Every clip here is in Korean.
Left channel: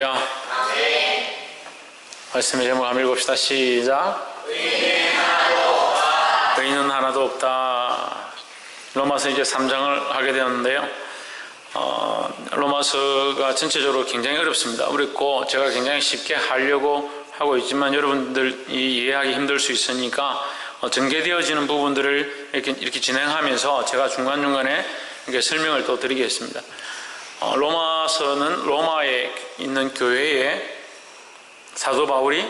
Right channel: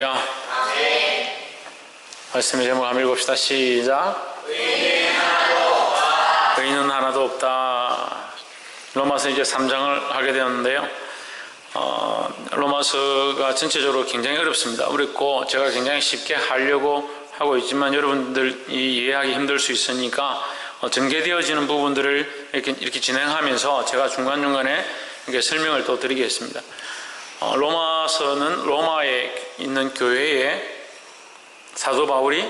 아멘. 말씀의 제목 한번 읽읍시다. 시작. 의인은 하나도 없다. 로마서 이제 3장을 하게 되었는데요. 로마서가 전체적으로 굉장히 어렵습니다. 어렵고 제가 굉장히 쉽게 하려고 하고 있지만 여러분들이 이해하기 힘들 수 있으니까 전개되어지는 부분들을 이렇게 진행하면서 제가 중간중간에 이렇게 설명을 또 드리겠습니다. 로마서는 로마에 있는 교회에 사도 바울이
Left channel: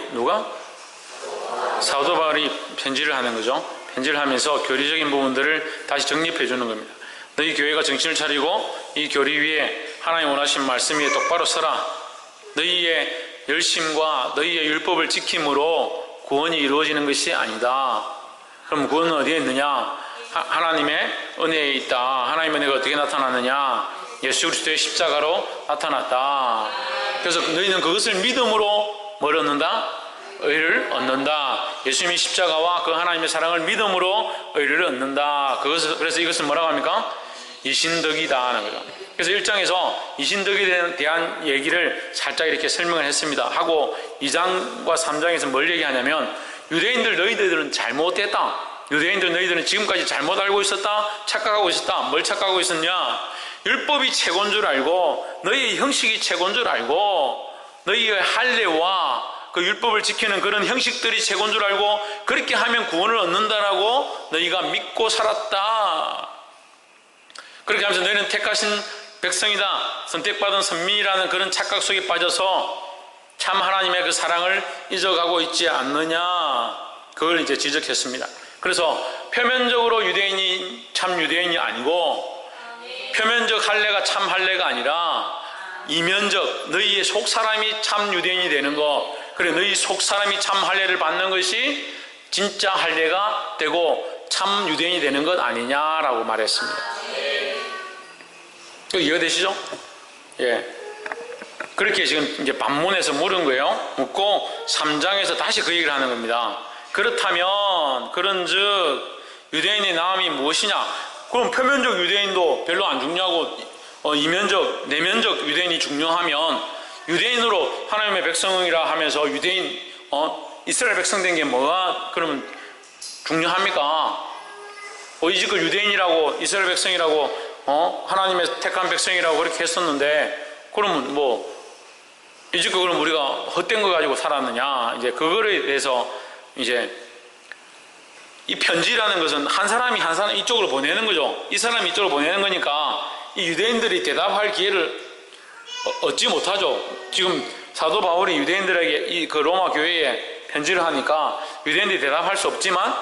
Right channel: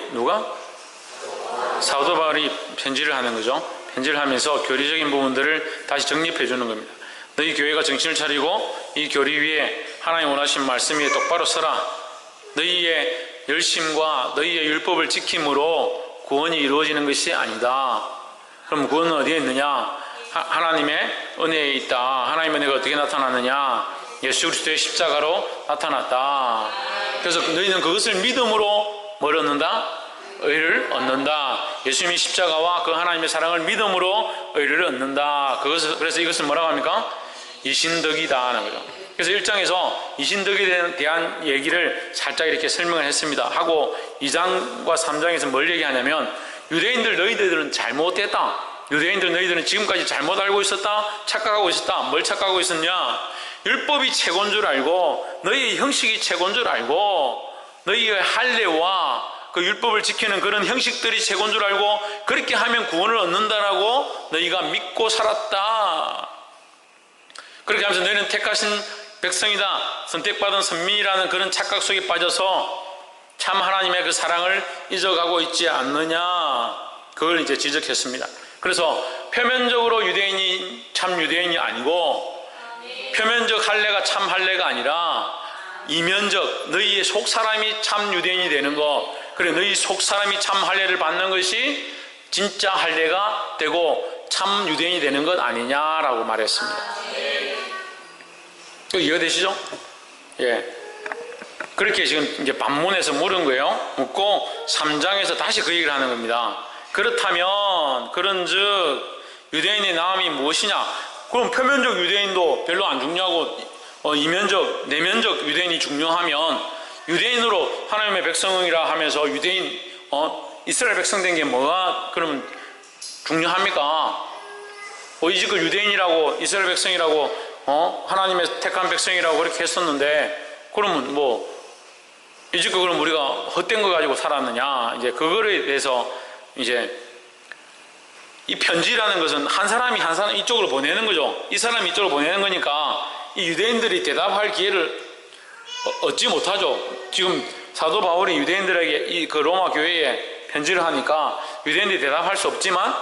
사도 바울이 편지를 하는 거죠. 편지를 하면서 교리적인 부분들을 다시 정립해 주는 겁니다. 너희 교회가 정신을 차리고 이 교리 위에 하나님 원하신 말씀 위에 똑바로 서라. 너희의 열심과 너희의 율법을 지킴으로 구원이 이루어지는 것이 아니다. 그럼 구원은 어디에 있느냐? 하나님의 은혜에 있다. 하나님의 은혜가 어떻게 나타나느냐? 예수 그리스도의 십자가로 나타났다. 그래서 너희는 그것을 믿음으로 뭘 얻는다? 의를 얻는다. 예수님의 십자가와 그 하나님의 사랑을 믿음으로 의를 얻는다. 그래서 이것은 뭐라고 합니까? 이신덕이다 하는 거죠. 그래서 1장에서 이신덕에 대한 얘기를 살짝 이렇게 설명을 했습니다. 하고 2장과 3장에서 뭘 얘기하냐면 유대인들 너희들은 잘못됐다. 유대인들 너희들은 지금까지 잘못 알고 있었다. 착각하고 있었다. 뭘 착각하고 있었냐? 율법이 최고인 줄 알고 너희의 형식이 최고인 줄 알고 너희의 할례와 그 율법을 지키는 그런 형식들이 최고인 줄 알고 그렇게 하면 구원을 얻는다라고 너희가 믿고 살았다. 그렇게 하면서 너희는 택하신 백성이다. 선택받은 선민이라는 그런 착각 속에 빠져서 참 하나님의 그 사랑을 잊어가고 있지 않느냐. 그걸 이제 지적했습니다. 그래서 표면적으로 유대인이 참 유대인이 아니고 표면적 할례가 참 할례가 아니라 이면적 너희의 속사람이 참 유대인이 되는 것, 그래 너희 속사람이 참 할례를 받는 것이 진짜 할례가 되고 참 유대인이 되는 것 아니냐라고 말했습니다. 이해되시죠? 예. 그렇게 지금 이제 반문에서 물은 거예요. 묻고 3장에서 다시 그 얘기를 하는 겁니다. 그렇다면 그런즉 유대인의 나음이 무엇이냐? 그럼 표면적 유대인도 별로 안 중요하고 이면적, 내면적 유대인이 중요하면 유대인으로 하나님의 백성이라 하면서 유대인, 이스라엘 백성 된 게 뭐가 그러면 중요합니까? 이제껏 유대인이라고 이스라엘 백성이라고 하나님의 택한 백성이라고 그렇게 했었는데 그러면 이제껏 그럼 우리가 헛된 거 가지고 살았느냐? 이제 그거에 대해서 이제 이 편지라는 것은 한 사람이 이쪽으로 보내는 거죠. 이 사람이 이쪽으로 보내는 거니까 이 유대인들이 대답할 기회를 얻지 못하죠. 지금 사도 바울이 유대인들에게 그 로마 교회에 편지를 하니까 유대인들이 대답할 수 없지만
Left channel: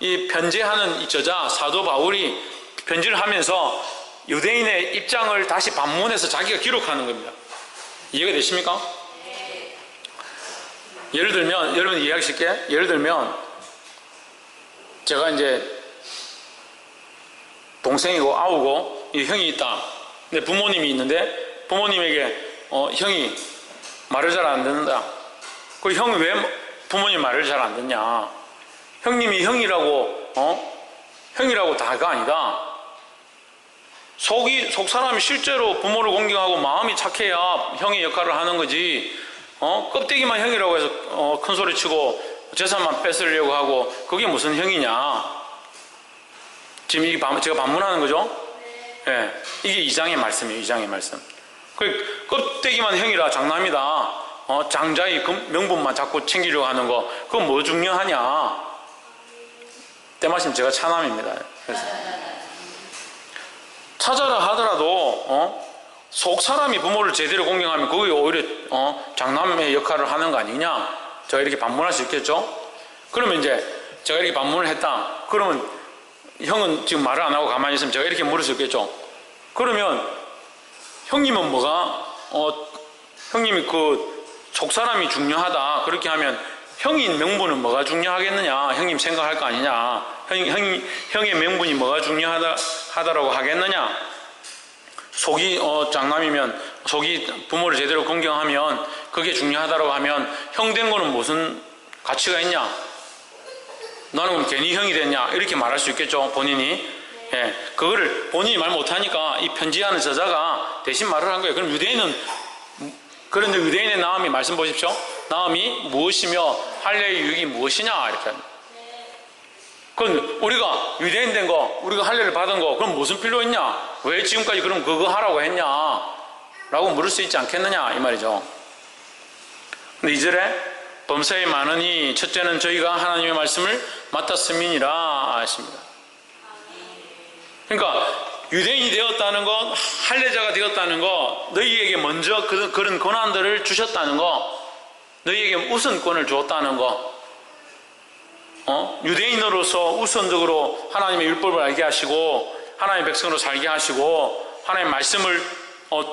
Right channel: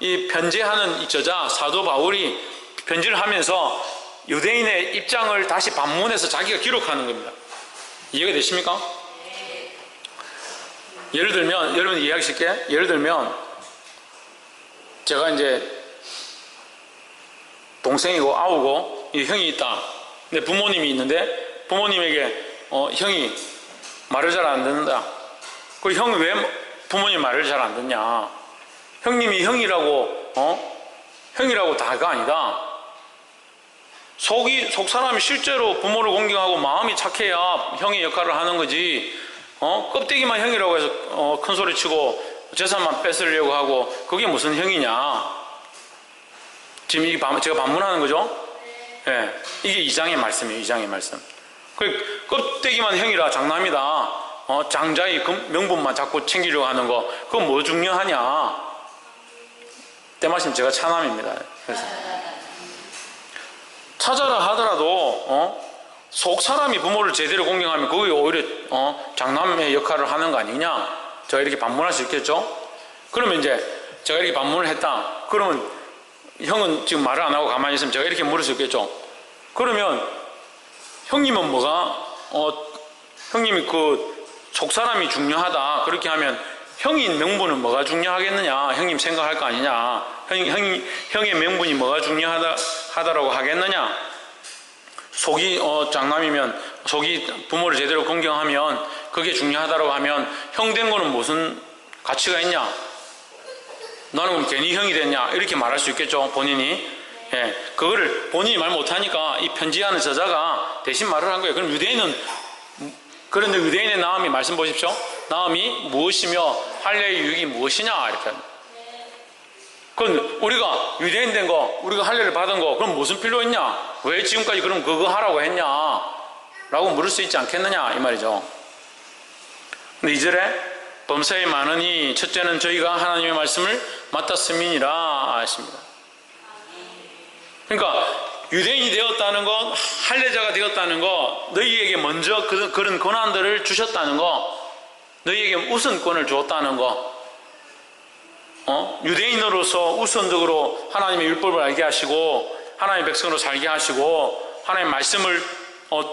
이 편지하는 이 저자 사도 바울이 편지를 하면서 유대인의 입장을 다시 반문해서 자기가 기록하는 겁니다. 이해가 되십니까? 예를 들면 여러분 이해하기 쉽게 예를 들면 제가 이제 동생이고 아우고 이 형이 있다. 근데 부모님이 있는데 부모님에게 형이 말을 잘 안 듣는다. 그 형이 왜 부모님 말을 잘 안 듣냐? 형님이 형이라고 다가 아니다. 속 사람이 실제로 부모를 공경하고 마음이 착해야 형의 역할을 하는 거지. 껍데기만 형이라고 해서 큰 소리 치고 재산만 뺏으려고 하고 그게 무슨 형이냐? 지금 이게 제가 반문하는 거죠? 예, 이게 2장의 말씀이에요. 2장의 말씀. 그 껍데기만 형이라 장남이다. 장자의 명분만 자꾸 챙기려고 하는 거 그건 뭐 중요하냐? 때마침 제가 차남입니다. 그래서 찾아라 하더라도 속 사람이 부모를 제대로 공경하면 그게 오히려 장남의 역할을 하는 거 아니냐? 제가 이렇게 반문할 수 있겠죠? 그러면 이제 제가 이렇게 반문을 했다. 그러면 형은 지금 말을 안 하고 가만히 있으면 제가 이렇게 물을 수 있겠죠? 그러면 형님은 형님이 그 속사람이 중요하다. 그렇게 하면 형인 명분은 뭐가 중요하겠느냐? 형님 생각할 거 아니냐? 형의 명분이 뭐가 중요하다라고 하겠느냐? 속이 장남이면 속이 부모를 제대로 공경하면 그게 중요하다고 하면 형 된 거는 무슨 가치가 있냐? 나는 그럼 괜히 형이 됐냐? 이렇게 말할 수 있겠죠, 본인이. 예, 그거를 본인이 말 못하니까 이 편지하는 저자가 대신 말을 한 거예요. 그럼 유대인은 그런데 유대인의 나음이 말씀 보십시오. 나음이 무엇이며 할례의 유익이 무엇이냐 이렇게 합니다. 그럼 우리가 유대인 된 거, 우리가 할례를 받은 거, 그럼 무슨 필요 있냐? 왜 지금까지 그럼 그거 하라고 했냐? 라고 물을 수 있지 않겠느냐 이 말이죠. 근데 2절에 범사에 많으니 첫째는 저희가 하나님의 말씀을 맡았음이니라 하십니다. 그러니까 유대인이 되었다는 것, 할례자가 되었다는 것, 너희에게 먼저 그런 권한들을 주셨다는 것, 너희에게 우선권을 주었다는 것, 유대인으로서 우선적으로 하나님의 율법을 알게 하시고 하나님의 백성으로 살게 하시고 하나님의 말씀을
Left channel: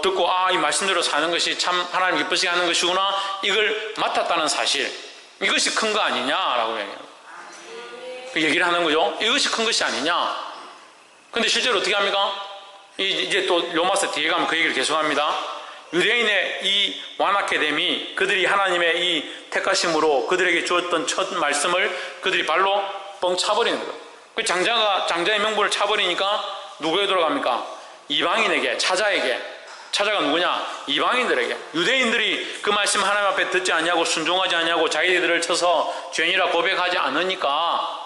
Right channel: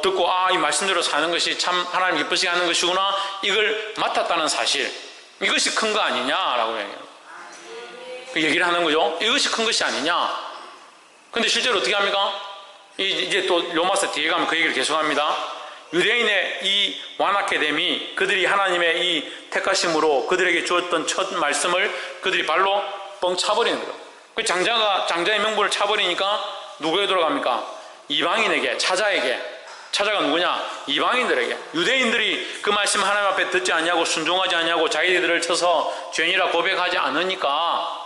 듣고 이 말씀대로 사는 것이 참 하나님 기쁘시게 하는 것이구나, 이걸 맡았다는 사실, 이것이 큰 거 아니냐라고 얘기를 하는 거죠. 이것이 큰 것이 아니냐. 근데 실제로 어떻게 합니까? 이제 또 로마서 뒤에 가면 그 얘기를 계속합니다. 유대인의 이 완악해 됨이 그들이 하나님의 이 택하심으로 그들에게 주었던 첫 말씀을 그들이 발로 뻥 차버리는 거예요. 그 장자의 명분을 차버리니까 누구에게 돌아갑니까? 이방인에게, 차자에게. 차자가 누구냐? 이방인들에게. 유대인들이 그 말씀 하나님 앞에 듣지 않냐고, 순종하지 않냐고, 자기들을 쳐서 죄인이라 고백하지 않으니까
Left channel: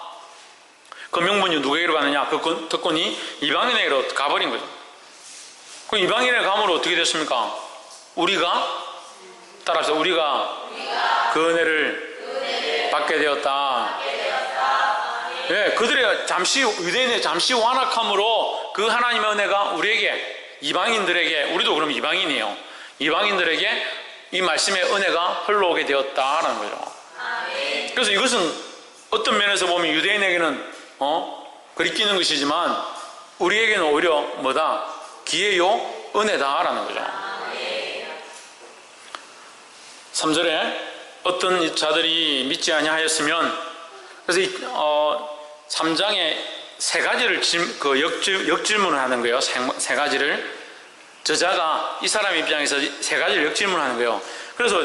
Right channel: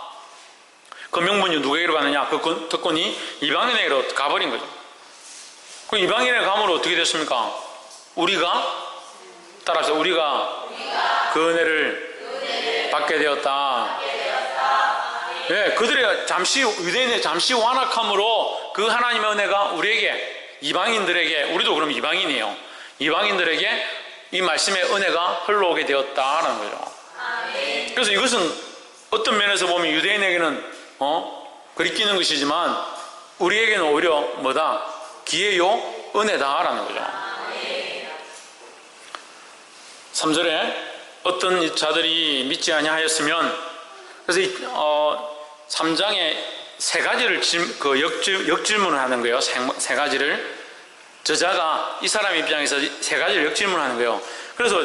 그 명분이 누구에게로 가느냐? 그 특권이 이방인에게로 가버린 거죠. 그 이방인에게 가므로 어떻게 됐습니까? 우리가 따라서 우리가 그 은혜를 받게 되었다. 네, 그들의 유대인의 잠시 완악함으로 그 하나님의 은혜가 우리에게, 이방인들에게, 우리도 그럼 이방인이에요. 이방인들에게 이 말씀의 은혜가 흘러오게 되었다라는 거죠. 그래서 이것은 어떤 면에서 보면 유대인에게는 그리 끼는 것이지만 우리에게는 오히려 뭐다? 기회요, 은혜다라는 거죠. 3절에 어떤 자들이 믿지 아니하였으면, 그래서 3장에 세 가지를 역질문을 하는 거예요. 세 가지를. 저자가 이 사람 입장에서 세 가지를 역질문하는 거예요. 그래서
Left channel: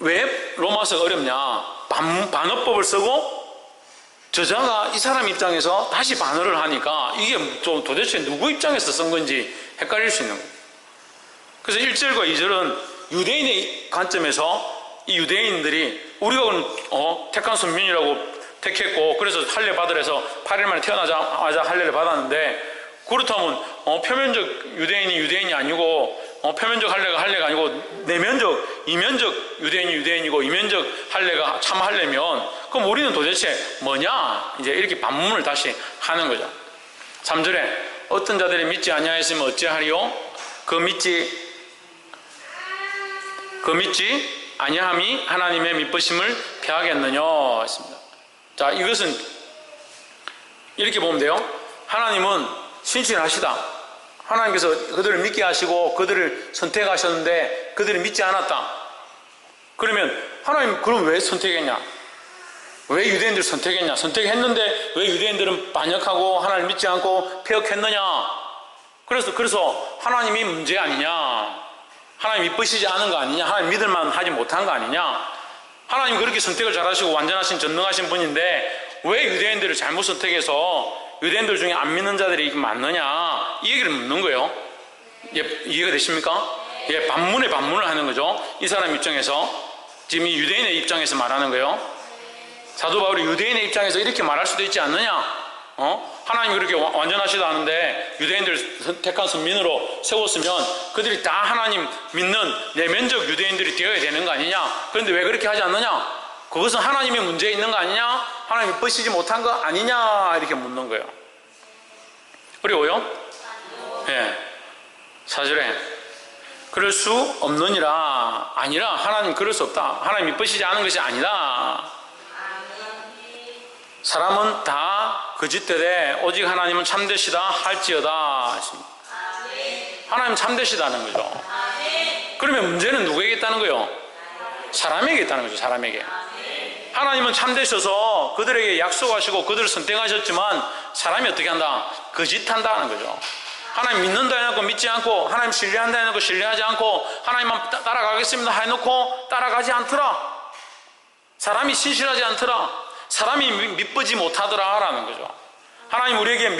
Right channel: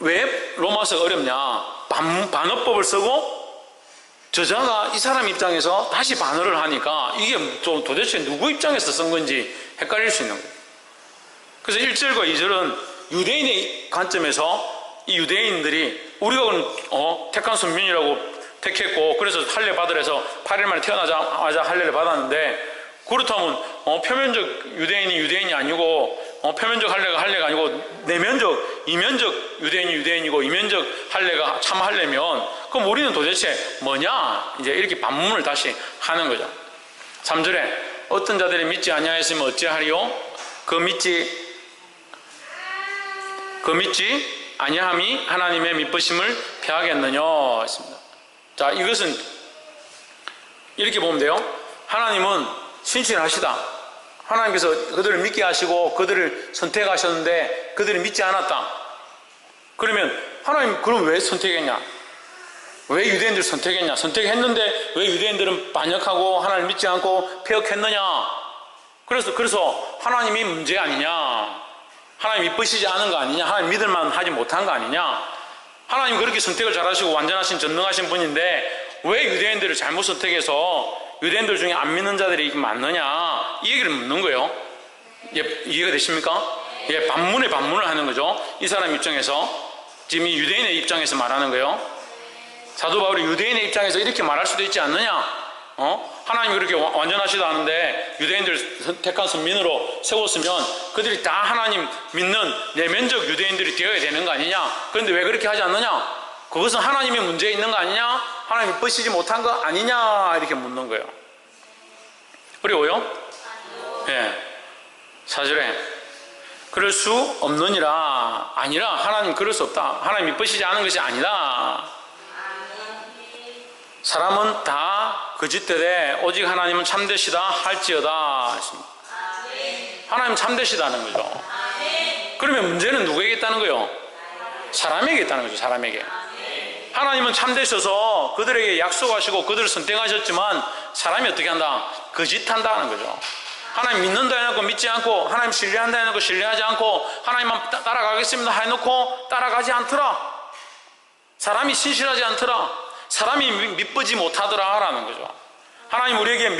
왜 로마서가 어렵냐? 반어법을 쓰고 저자가 이 사람 입장에서 다시 반어를 하니까 이게 좀 도대체 누구 입장에서 쓴 건지 헷갈릴 수 있는 거예요. 그래서 1절과 2절은 유대인의 관점에서 이 유대인들이 우리가 택한 선민이라고 택했고 그래서 할례 받으래서 8일 만에 태어나자마자 할례를 받았는데, 그렇다면 표면적 유대인이 아니고 표면적 할례가 아니고 내면적, 이면적 유대인이고 이면적 할례가 참 할례면 그럼 우리는 도대체 뭐냐? 이제 이렇게 반문을 다시 하는 거죠. 3절에 어떤 자들이 믿지 아니하였으면 어찌하리요? 그 믿지 아니함이 하나님의 믿으심을 패하겠느냐 했습니다. 자, 이것은 이렇게 보면 돼요. 하나님은 신실하시다. 하나님께서 그들을 믿게 하시고 그들을 선택하셨는데 그들이 믿지 않았다. 그러면 하나님 그럼 왜 선택했냐? 왜 유대인들을 선택했냐? 선택했는데 왜 유대인들은 반역하고 하나님을 믿지 않고 폐역했느냐? 그래서 하나님이 문제 아니냐? 하나님 믿으시지 않은 거 아니냐? 하나님 믿을만 하지 못한 거 아니냐? 하나님 그렇게 선택을 잘하시고 완전하신 전능하신 분인데 왜 유대인들을 잘못 선택해서 유대인들 중에 안 믿는 자들이 많느냐? 이 얘기를 묻는 거예요. 이해가 되십니까? 반문을 하는 거죠. 이 사람 입장에서, 지금 이 유대인의 입장에서 말하는 거예요. 사도 바울이 유대인의 입장에서 이렇게 말할 수도 있지 않느냐? 하나님이 그렇게 완전하시다 하는데 유대인들 택한 선민으로 세웠으면 그들이 다 하나님 믿는 내면적 유대인들이 되어야 되는 거 아니냐? 그런데 왜 그렇게 하지 않느냐? 그것은 하나님의 문제 있는 거 아니냐? 하나님이 믿으시지 못한 거 아니냐? 이렇게 묻는 거예요. 어려워요? 예. 4절에 그럴 수 없느니라. 아니라 하나님 그럴 수 없다. 하나님 믿으시지 않은 것이 아니다. 사람은 다 거짓되되 오직 하나님은 참되시다 할지어다. 하나님 참되시다는 거죠. 그러면 문제는 누구에게 있다는 거예요? 사람에게 있다는 거죠. 사람에게. 하나님은 참되셔서 그들에게 약속하시고 그들을 선택하셨지만 사람이 어떻게 한다? 거짓한다는 거죠. 하나님 믿는다 해놓고 믿지 않고, 하나님 신뢰한다 해놓고 신뢰하지 않고, 하나님만 따라가겠습니다 해놓고 따라가지 않더라. 사람이 신실하지 않더라. 사람이 믿지 못하더라 라는 거죠. 하나님 우리에게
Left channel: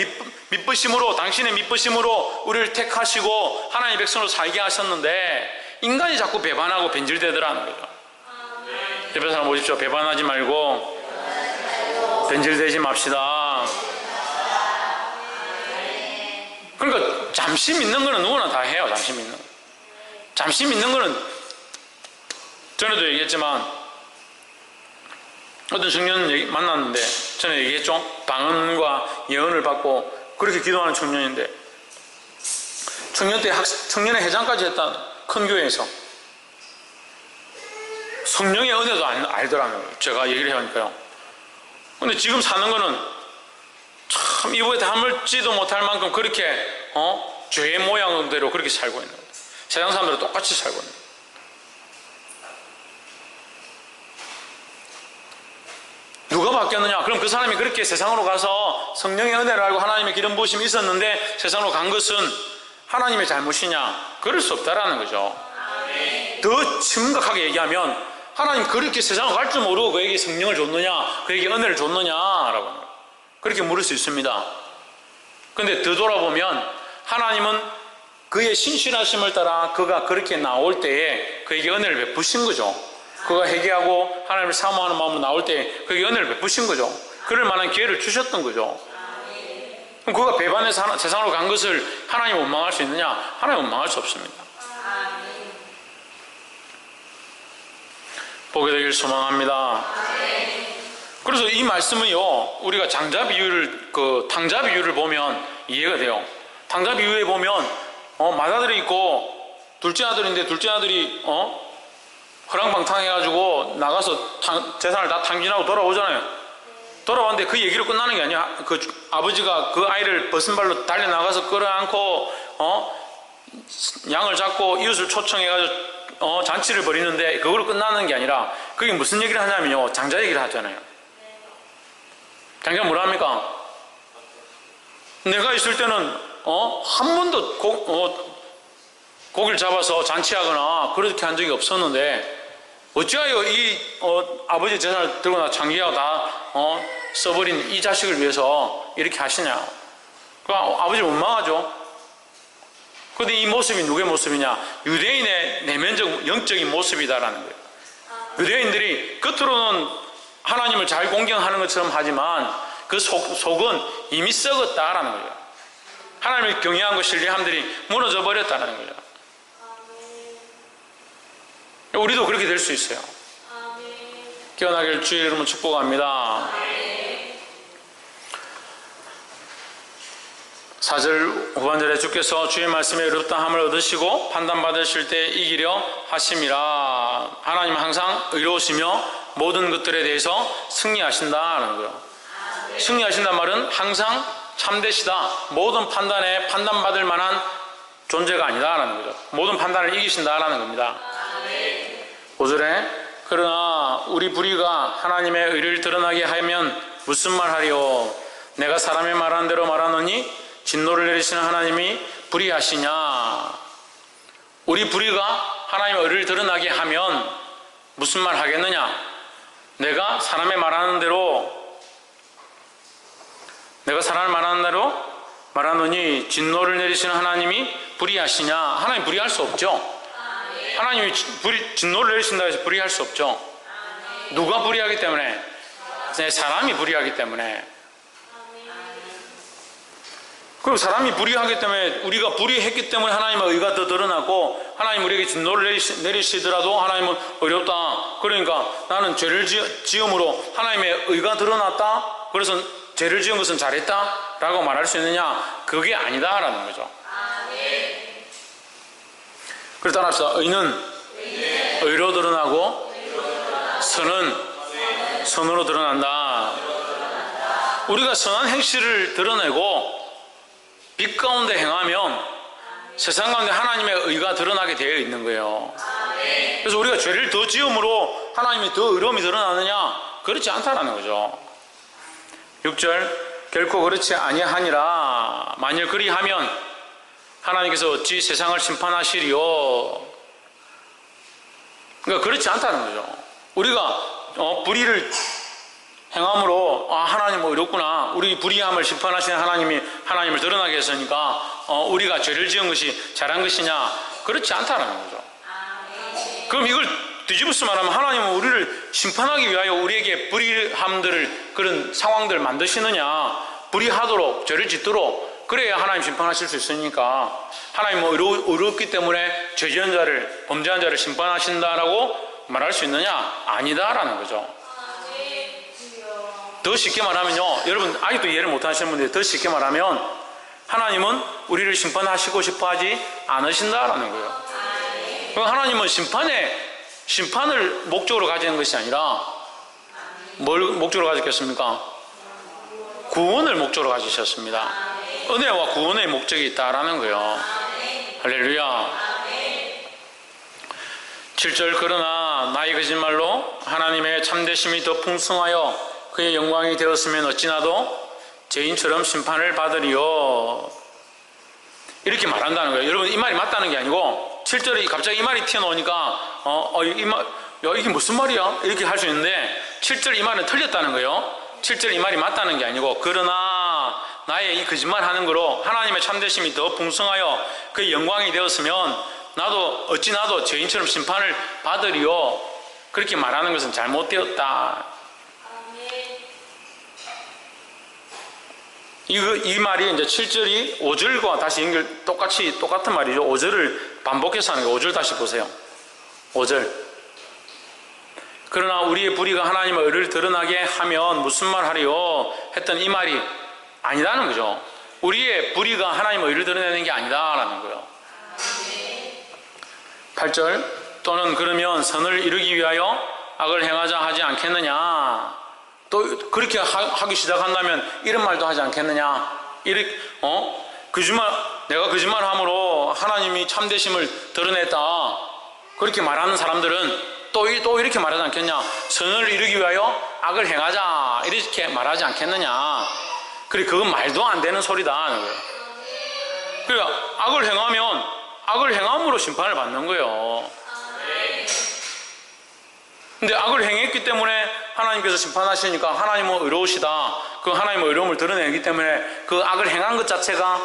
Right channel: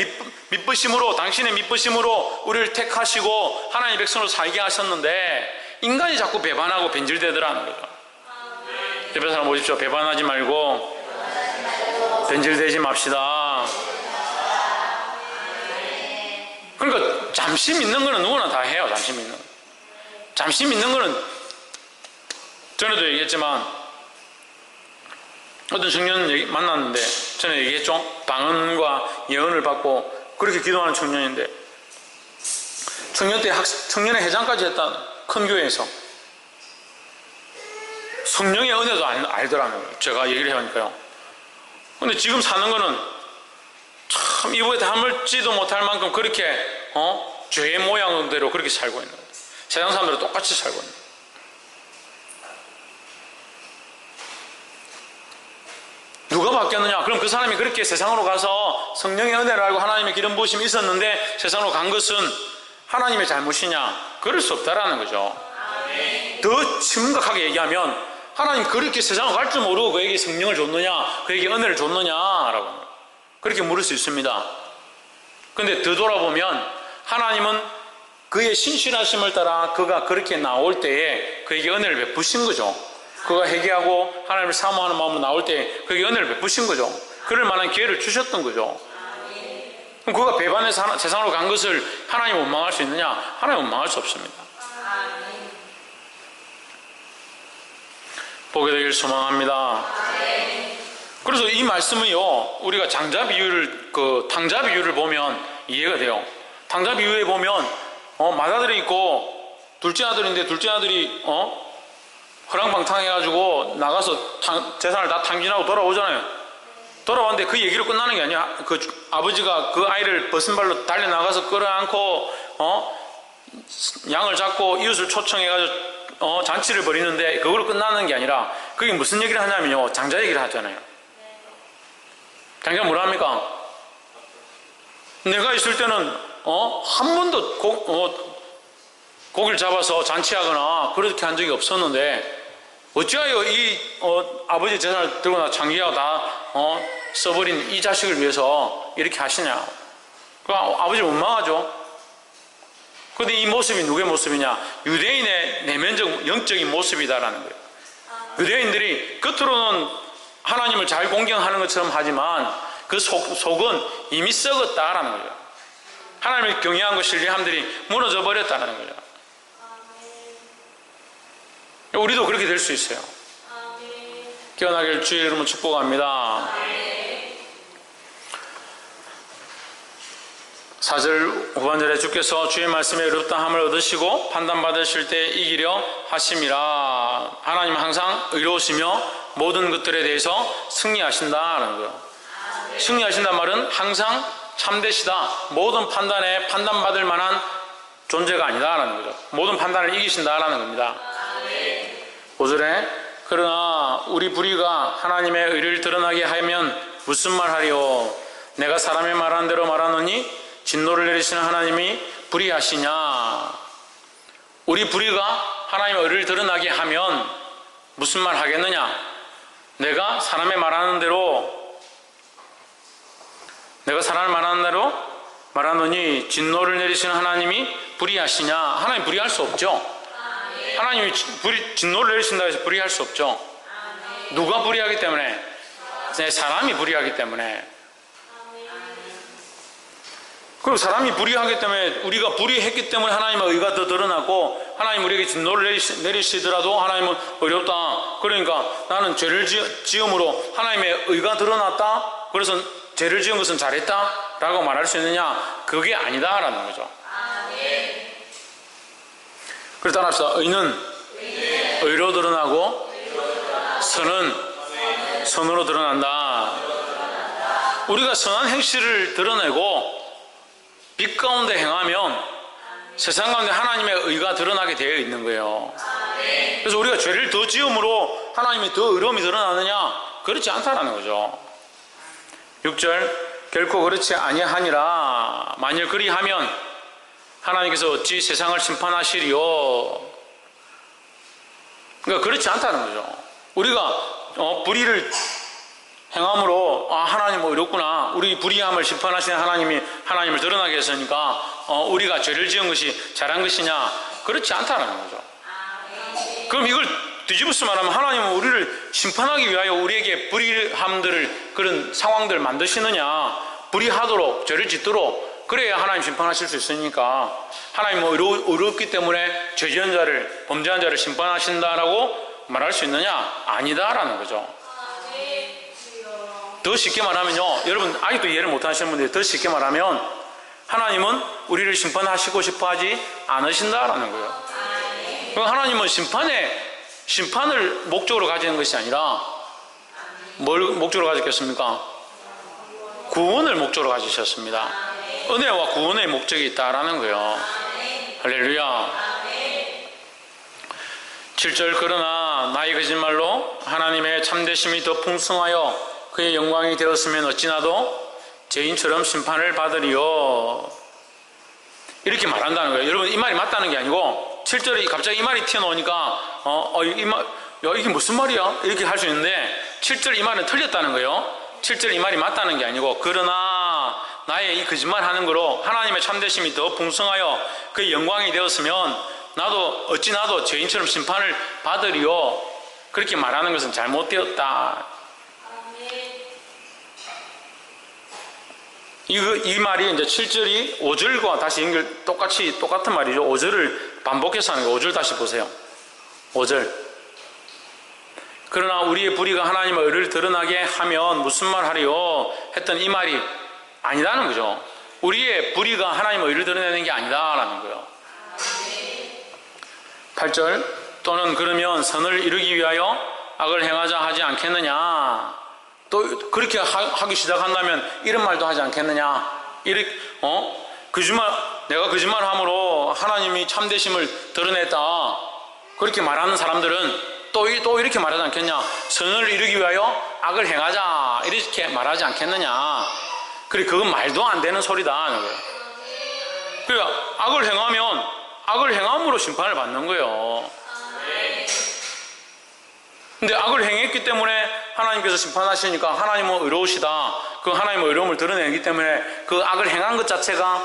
믿으심으로, 당신의 믿으심으로 우리를 택하시고 하나님의 백성으로 살게 하셨는데 인간이 자꾸 배반하고 변질되더라는 거죠. 옆에 사람 보십시오. 배반하지 말고 변질되지 맙시다. 그러니까 잠시 믿는 거는 누구나 다 해요. 잠시 믿는 거. 잠시 믿는 거는 전에도 얘기했지만 어떤 청년 만났는데 전에 얘기했죠. 방언과 예언을 받고 그렇게 기도하는 청년인데 청년 때 청년의 회장까지 했다는 큰 교회에서 성령의 은혜도 알더라고요. 제가 얘기를 해보니까요. 근데 지금 사는 거는 참 이보에 담을지도 못할 만큼 그렇게 죄의 모양대로 그렇게 살고 있는 거예요. 세상 사람들은 똑같이 살고 있는 거예요. 누가 바뀌었느냐? 그럼 그 사람이 그렇게 세상으로 가서 성령의 은혜를 알고 하나님의 기름 부으심이 있었는데 세상으로 간 것은 하나님의 잘못이냐? 그럴 수 없다라는 거죠. 더 심각하게 얘기하면 하나님 그렇게 세상을 갈 줄 모르고 그에게 성령을 줬느냐? 그에게 은혜를 줬느냐라고 그렇게 물을 수 있습니다. 그런데 되돌아보면 하나님은 그의 신실하심을 따라 그가 그렇게 나올 때에 그에게 은혜를 베푸신 거죠. 그가 회개하고 하나님을 사모하는 마음으로 나올 때 그에게 은혜를 베푸신 거죠. 그럴 만한 기회를 주셨던 거죠. 그럼 그가 배반해서 세상으로 간 것을 하나님 원망할 수 있느냐? 하나님 원망할 수 없습니다. 보게 되길 소망합니다. 그래서 이 말씀은요, 우리가 장자 비유를, 탕자 비유를 보면 이해가 돼요. 탕자 비유에 보면, 맏아들이 있고, 둘째 아들인데, 둘째 아들이, 허랑방탕 해가지고, 나가서 재산을 다 탕진하고 돌아오잖아요. 돌아왔는데 그 얘기로 끝나는 게 아니야. 그 아버지가 그 아이를 벗은 발로 달려나가서 끌어안고, 양을 잡고 이웃을 초청해가지고, 잔치를 벌이는데 그걸로 끝나는 게 아니라 그게 무슨 얘기를 하냐면요, 장자 얘기를 하잖아요. 장자가 뭐라 합니까? 내가 있을 때는 한 번도 고기를 잡아서 잔치하거나 그렇게 한 적이 없었는데 어찌하여 이 아버지 재산을 들고 나 장기하고 다 써버린 이 자식을 위해서 이렇게 하시냐? 그 아버지 원망하죠. 그런데 이 모습이 누구의 모습이냐? 유대인의 내면적 영적인 모습이다라는 거예요. 유대인들이 겉으로는 하나님을 잘 공경하는 것처럼 하지만 그 속은 이미 썩었다라는 거죠. 하나님을 경외하고 신뢰함들이 무너져 버렸다는 거죠. 우리도 그렇게 될 수 있어요. 깨어나길 주의 이름으로 축복합니다. 4절 후반절에 주께서 주의 말씀에 의롭다함을 얻으시고 판단받으실 때 이기려 하심이라. 하나님은 항상 의로우시며 모든 것들에 대해서 승리하신다는 거예요. 승리하신다는 말은 항상 참되시다. 모든 판단에 판단받을 만한 존재가 아니다라는 거죠. 모든 판단을 이기신다라는 겁니다. 5절에 그러나 우리 불의가 하나님의 의를 드러나게 하면 무슨 말하리요? 내가 사람의 말한 대로 말하노니 진노를 내리시는 하나님이 불의하시냐? 우리 불의가 하나님의 의를 드러나게 하면 무슨 말 하겠느냐? 내가 사람의 말하는 대로 말하노니 진노를 내리시는 하나님이 불의하시냐? 하나님 불의할 수 없죠. 하나님이 진노를 내리신다고 해서 불의할 수 없죠. 누가 불의하기 때문에? 사람이 불의하기 때문에. 그리고 사람이 불의하기 때문에 우리가 불의했기 때문에 하나님의 의가 더 드러나고 하나님 우리에게 진노를 내리시더라도 하나님은 어렵다. 그러니까 나는 죄를 지음으로 하나님의 의가 드러났다. 그래서 죄를 지은 것은 잘했다 라고 말할 수 있느냐? 그게 아니다라는 거죠. 그래서 따라합시다. 의는 의로 드러나고 선은 선으로 드러난다. 우리가 선한 행실을 드러내고 빛 가운데 행하면 세상 가운데 하나님의 의가 드러나게 되어 있는 거예요. 그래서 우리가 죄를 더 지음으로 하나님이 더 의로움이 드러나느냐? 그렇지 않다라는 거죠. 6절 결코 그렇지 아니하니라. 만일 그리하면 하나님께서 어찌 세상을 심판하시리요? 그러니까 그렇지 않다는 거죠. 우리가 불의를 행함으로 하나님 어렵구나. 우리 불의함을 심판하시는 하나님이 하나님을 드러나게 했으니까 우리가 죄를 지은 것이 잘한 것이냐? 그렇지 않다는 거죠. 그럼 이걸 뒤집어서 말하면 하나님은 우리를 심판하기 위하여 우리에게 불의함들을, 그런 상황들을 만드시느냐, 불의하도록, 죄를 짓도록, 그래야 하나님 심판하실 수 있으니까 하나님은 의롭기 때문에 죄 지은 자를, 범죄한 자를 심판하신다라고 말할 수 있느냐? 아니다라는 거죠. 더 쉽게 말하면요, 여러분 아직도 이해를 못하시는 분들이, 더 쉽게 말하면 하나님은 우리를 심판하시고 싶어 하지 않으신다라는 거예요. 하나님은 심판을 목적으로 가지는 것이 아니라 뭘 목적으로 가졌겠습니까? 구원을 목적으로 가지셨습니다. 은혜와 구원의 목적이 있다라는 거예요. 할렐루야. 7절, 그러나 나의 거짓말로 하나님의 참되심이 더 풍성하여 그의 영광이 되었으면 어찌나도 죄인처럼 심판을 받으리요. 이렇게 말한다는 거예요. 여러분, 이 말이 맞다는 게 아니고 7절에 갑자기 이 말이 튀어나오니까 이게 무슨 말이야? 이렇게 할 수 있는데 7절 이 말은 틀렸다는 거예요. 7절 이 말이 맞다는 게 아니고, 그러나 나의 이 거짓말하는 거로 하나님의 참되심이 더 풍성하여 그의 영광이 되었으면 어찌 나도 죄인처럼 심판을 받으리요. 그렇게 말하는 것은 잘못되었다. 이 말이 이제 7절이 5절과 다시 똑같은 말이죠. 5절을 반복해서 하는 거예요. 5절 다시 보세요. 5절. 그러나 우리의 불의가 하나님의 의를 드러나게 하면 무슨 말 하리요? 했던 이 말이 아니다는 거죠. 우리의 불의가 하나님의 의를 드러내는 게 아니다라는 거예요. 8절, 또는 그러면 선을 이루기 위하여 악을 행하자 하지 않겠느냐? 또 그렇게 하기 시작한다면 이런 말도 하지 않겠느냐? 내가 거짓말함으로 하나님이 참되심을 드러냈다, 그렇게 말하는 사람들은 또 이렇게 말하지 않겠냐? 선을 이루기 위하여 악을 행하자, 이렇게 말하지 않겠느냐? 그건 말도 안 되는 소리다. 그러니까 악을 행함으로 심판을 받는 거예요. 근데 악을 행했기 때문에 하나님께서 심판하시니까 하나님은 의로우시다, 그 하나님의 의로움을 드러내기 때문에 그 악을 행한 것 자체가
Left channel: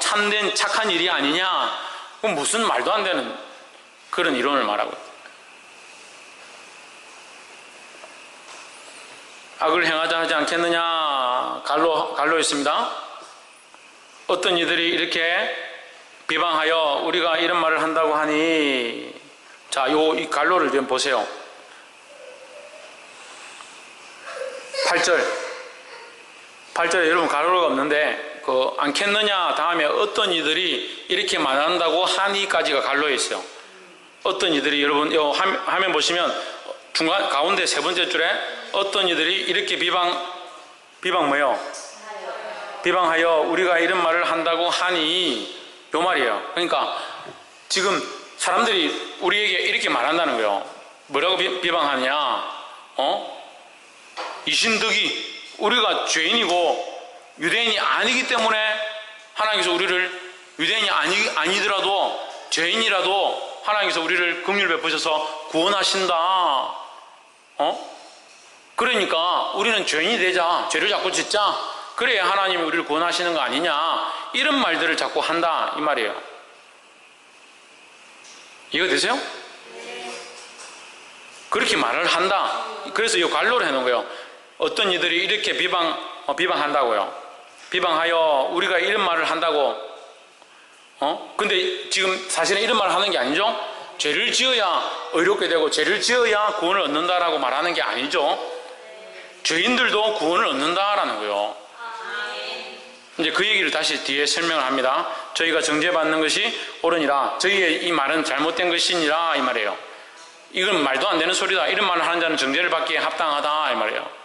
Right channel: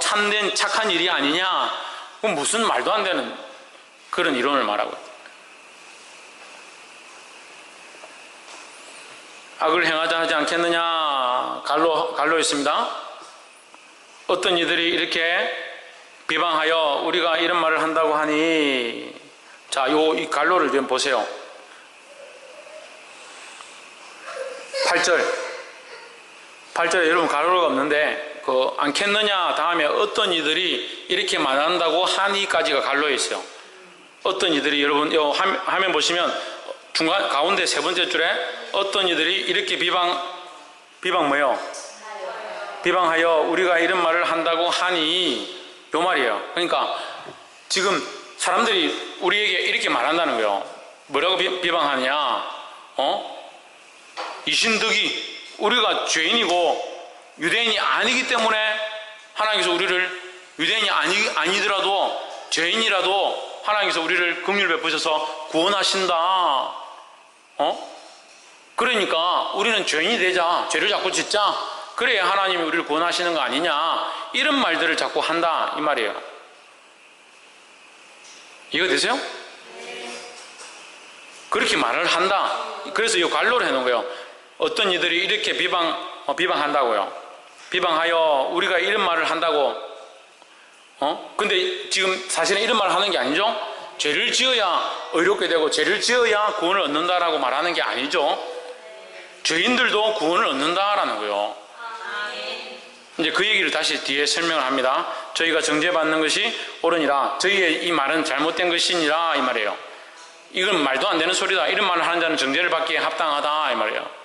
참된 착한 일이 아니냐? 그럼 무슨 말도 안 되는 그런 이론을 말하고 있다. 악을 행하자 하지 않겠느냐? 갈로 있습니다. 어떤 이들이 이렇게 비방하여 우리가 이런 말을 한다고 하니, 자, 이 갈로를 좀 보세요. 8절에 여러분 가로가 없는데 않겠느냐 다음에 어떤 이들이 이렇게 말한다고 하니까지가 갈로에 있어요. 어떤 이들이, 여러분 화면 보시면 중간 가운데 세 번째 줄에 어떤 이들이 이렇게 비방 뭐요? 비방하여 우리가 이런 말을 한다고 하니, 요 말이에요. 그러니까 지금 사람들이 우리에게 이렇게 말한다는 거예요. 뭐라고 비방하냐? 이신득이 우리가 죄인이고 유대인이 아니기 때문에 하나님께서 우리를, 유대인이 아니더라도 죄인이라도 하나님께서 우리를 긍휼 베푸셔서 구원하신다. 그러니까 우리는 죄인이 되자, 죄를 자꾸 짓자, 그래야 하나님이 우리를 구원하시는 거 아니냐, 이런 말들을 자꾸 한다 이 말이에요. 이해되세요? 그렇게 말을 한다. 그래서 이 갈로를 해놓은 거예요. 어떤 이들이 이렇게 비방한다고요. 비방하여 우리가 이런 말을 한다고. 근데 지금 사실은 이런 말을 하는 게 아니죠. 죄를 지어야 의롭게 되고 죄를 지어야 구원을 얻는다라고 말하는 게 아니죠. 죄인들도 구원을 얻는다라는 거예요. 이제 그 얘기를 다시 뒤에 설명을 합니다. 저희가 정죄받는 것이 옳으니라, 저희의 이 말은 잘못된 것이니라, 이 말이에요. 이건 말도 안 되는 소리다, 이런 말을 하는 자는 정죄를 받기에 합당하다, 이 말이에요.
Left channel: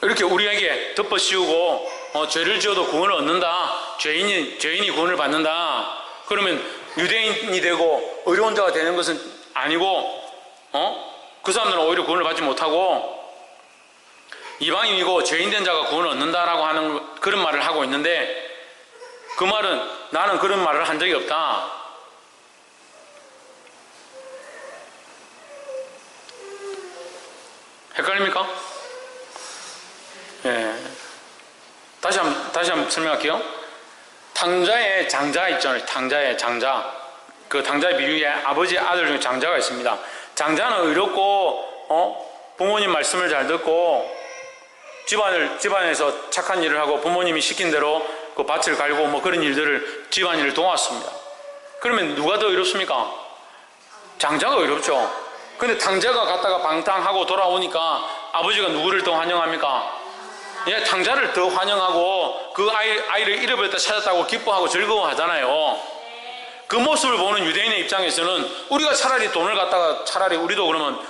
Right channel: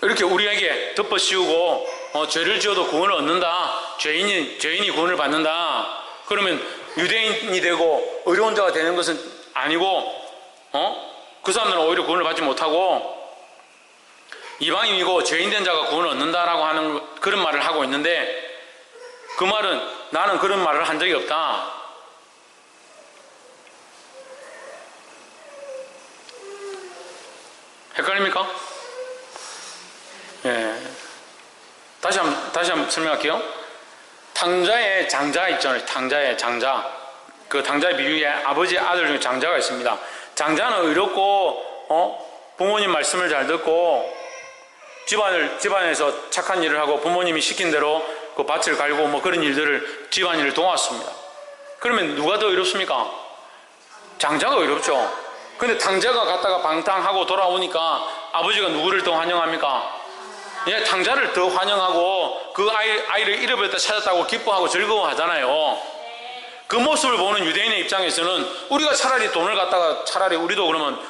이렇게 우리에게 덮어씌우고 죄를 지어도 구원을 얻는다, 죄인이 구원을 받는다, 그러면 유대인이 되고 의로운 자가 되는 것은 아니고 그 사람들은 오히려 구원을 받지 못하고 이방인이고 죄인된 자가 구원을 얻는다라고 하는 그런 말을 하고 있는데, 그 말은 나는 그런 말을 한 적이 없다. 헷갈립니까? 예. 다시 한번 설명할게요. 탕자에 장자 있잖아요. 탕자에 장자. 그 당자의 비유에 아버지의 아들 중에 장자가 있습니다. 장자는 의롭고 부모님 말씀을 잘 듣고 집안에서 착한 일을 하고 부모님이 시킨 대로 그 밭을 갈고 뭐 그런 일들을 집안일을 도왔습니다. 그러면 누가 더 의롭습니까? 장자가 의롭죠. 근데 당자가 갔다가 방탕하고 돌아오니까 아버지가 누구를 더 환영합니까? 예, 당자를 더 환영하고 그 아이를 잃어버렸다 찾았다고 기뻐하고 즐거워하잖아요. 그 모습을 보는 유대인의 입장에서는 우리가 차라리 돈을 갖다가 차라리 우리도 그러면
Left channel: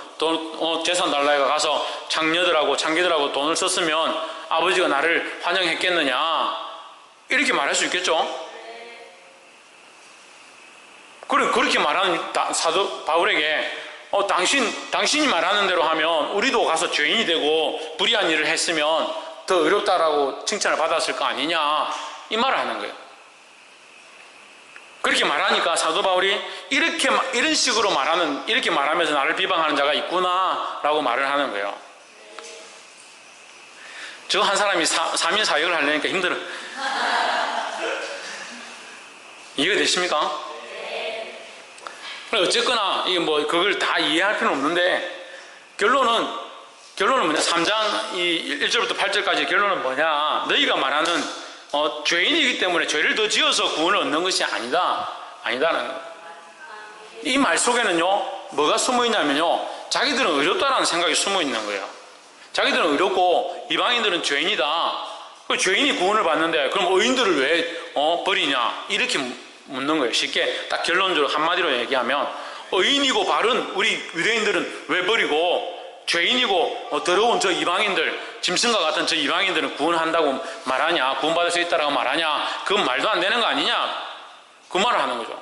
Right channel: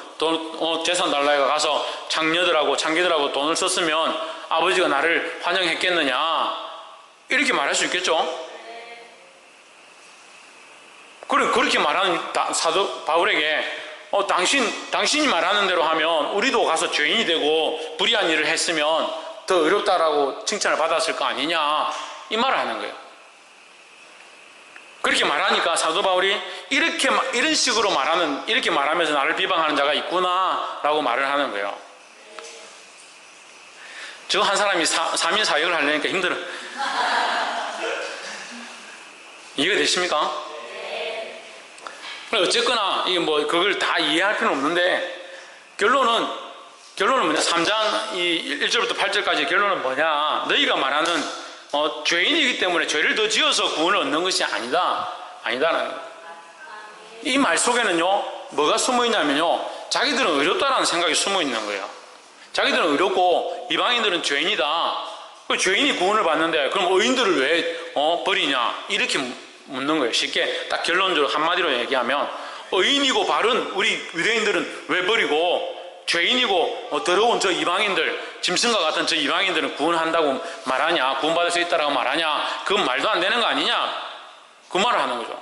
재산 달라해가 가서 장녀들하고 장기들하고 돈을 썼으면 아버지가 나를 환영했겠느냐 이렇게 말할 수 있겠죠. 그렇게 말하는 사도 바울에게 당신이 말하는 대로 하면 우리도 가서 죄인이 되고 불의한 일을 했으면 더 의롭다라고 칭찬을 받았을 거 아니냐 이 말을 하는 거예요. 그렇게 말하니까 사도 바울이 이런 식으로 이렇게 말하면서 나를 비방하는 자가 있구나 라고 말을 하는 거예요. 저 한 사람이 3인 사역을 하려니까 힘들어. 이해가 되십니까? 어쨌거나 이게 뭐 그걸 다 이해할 필요는 없는데 결론은 뭐냐? 3장 1절부터 8절까지 결론은 뭐냐? 너희가 말하는 죄인이기 때문에 죄를 더 지어서 구원을 얻는 것이 아니다라는 이 말 속에는요 뭐가 숨어 있냐면요 자기들은 의롭다라는 생각이 숨어 있는 거예요. 자기들은 의롭고 이방인들은 죄인이다. 죄인이 구원을 받는데 그럼 의인들을 왜 버리냐 이렇게 묻는 거예요. 쉽게 딱 결론적으로 한마디로 얘기하면 의인이고 바른 우리 유대인들은 왜 버리고 죄인이고 더러운 저 이방인들 짐승과 같은 저 이방인들은 구원한다고 말하냐 구원받을 수 있다라고 말하냐 그건 말도 안 되는 거 아니냐 그 말을 하는 거죠.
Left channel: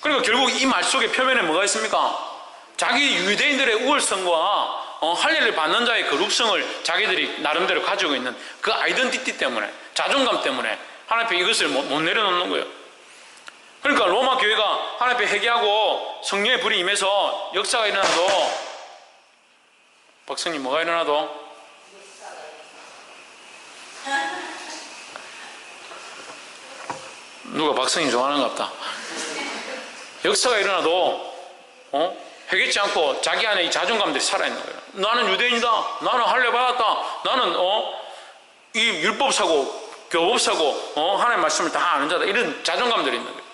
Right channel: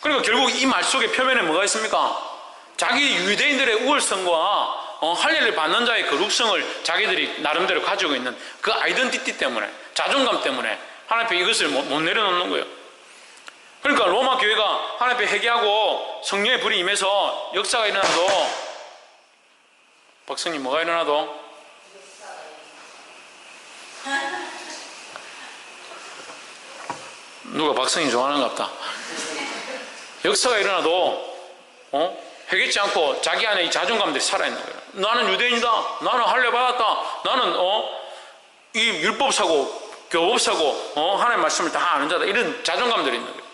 그러니까 결국 이 말 속에 표면에 뭐가 있습니까? 자기 유대인들의 우월성과 할례를 받는 자의 거룩성을 자기들이 나름대로 가지고 있는 그 아이덴티티 때문에 자존감 때문에 하나님 앞에 이것을 못 내려놓는 거예요. 그러니까 로마 교회가 하나님 앞에 회개하고 성령의 불이 임해서 역사가 일어나도 박성님 뭐가 일어나도 누가 박성님 좋아하는가 보다. 역사가 일어나도 회개치 않고 자기 안에 이 자존감들이 살아있는 거예요. 나는 유대인이다. 나는 할례 받았다. 나는 이 율법사고 교법사고 하나님의 말씀을 다 아는 자다. 이런 자존감들이 있는 거예요.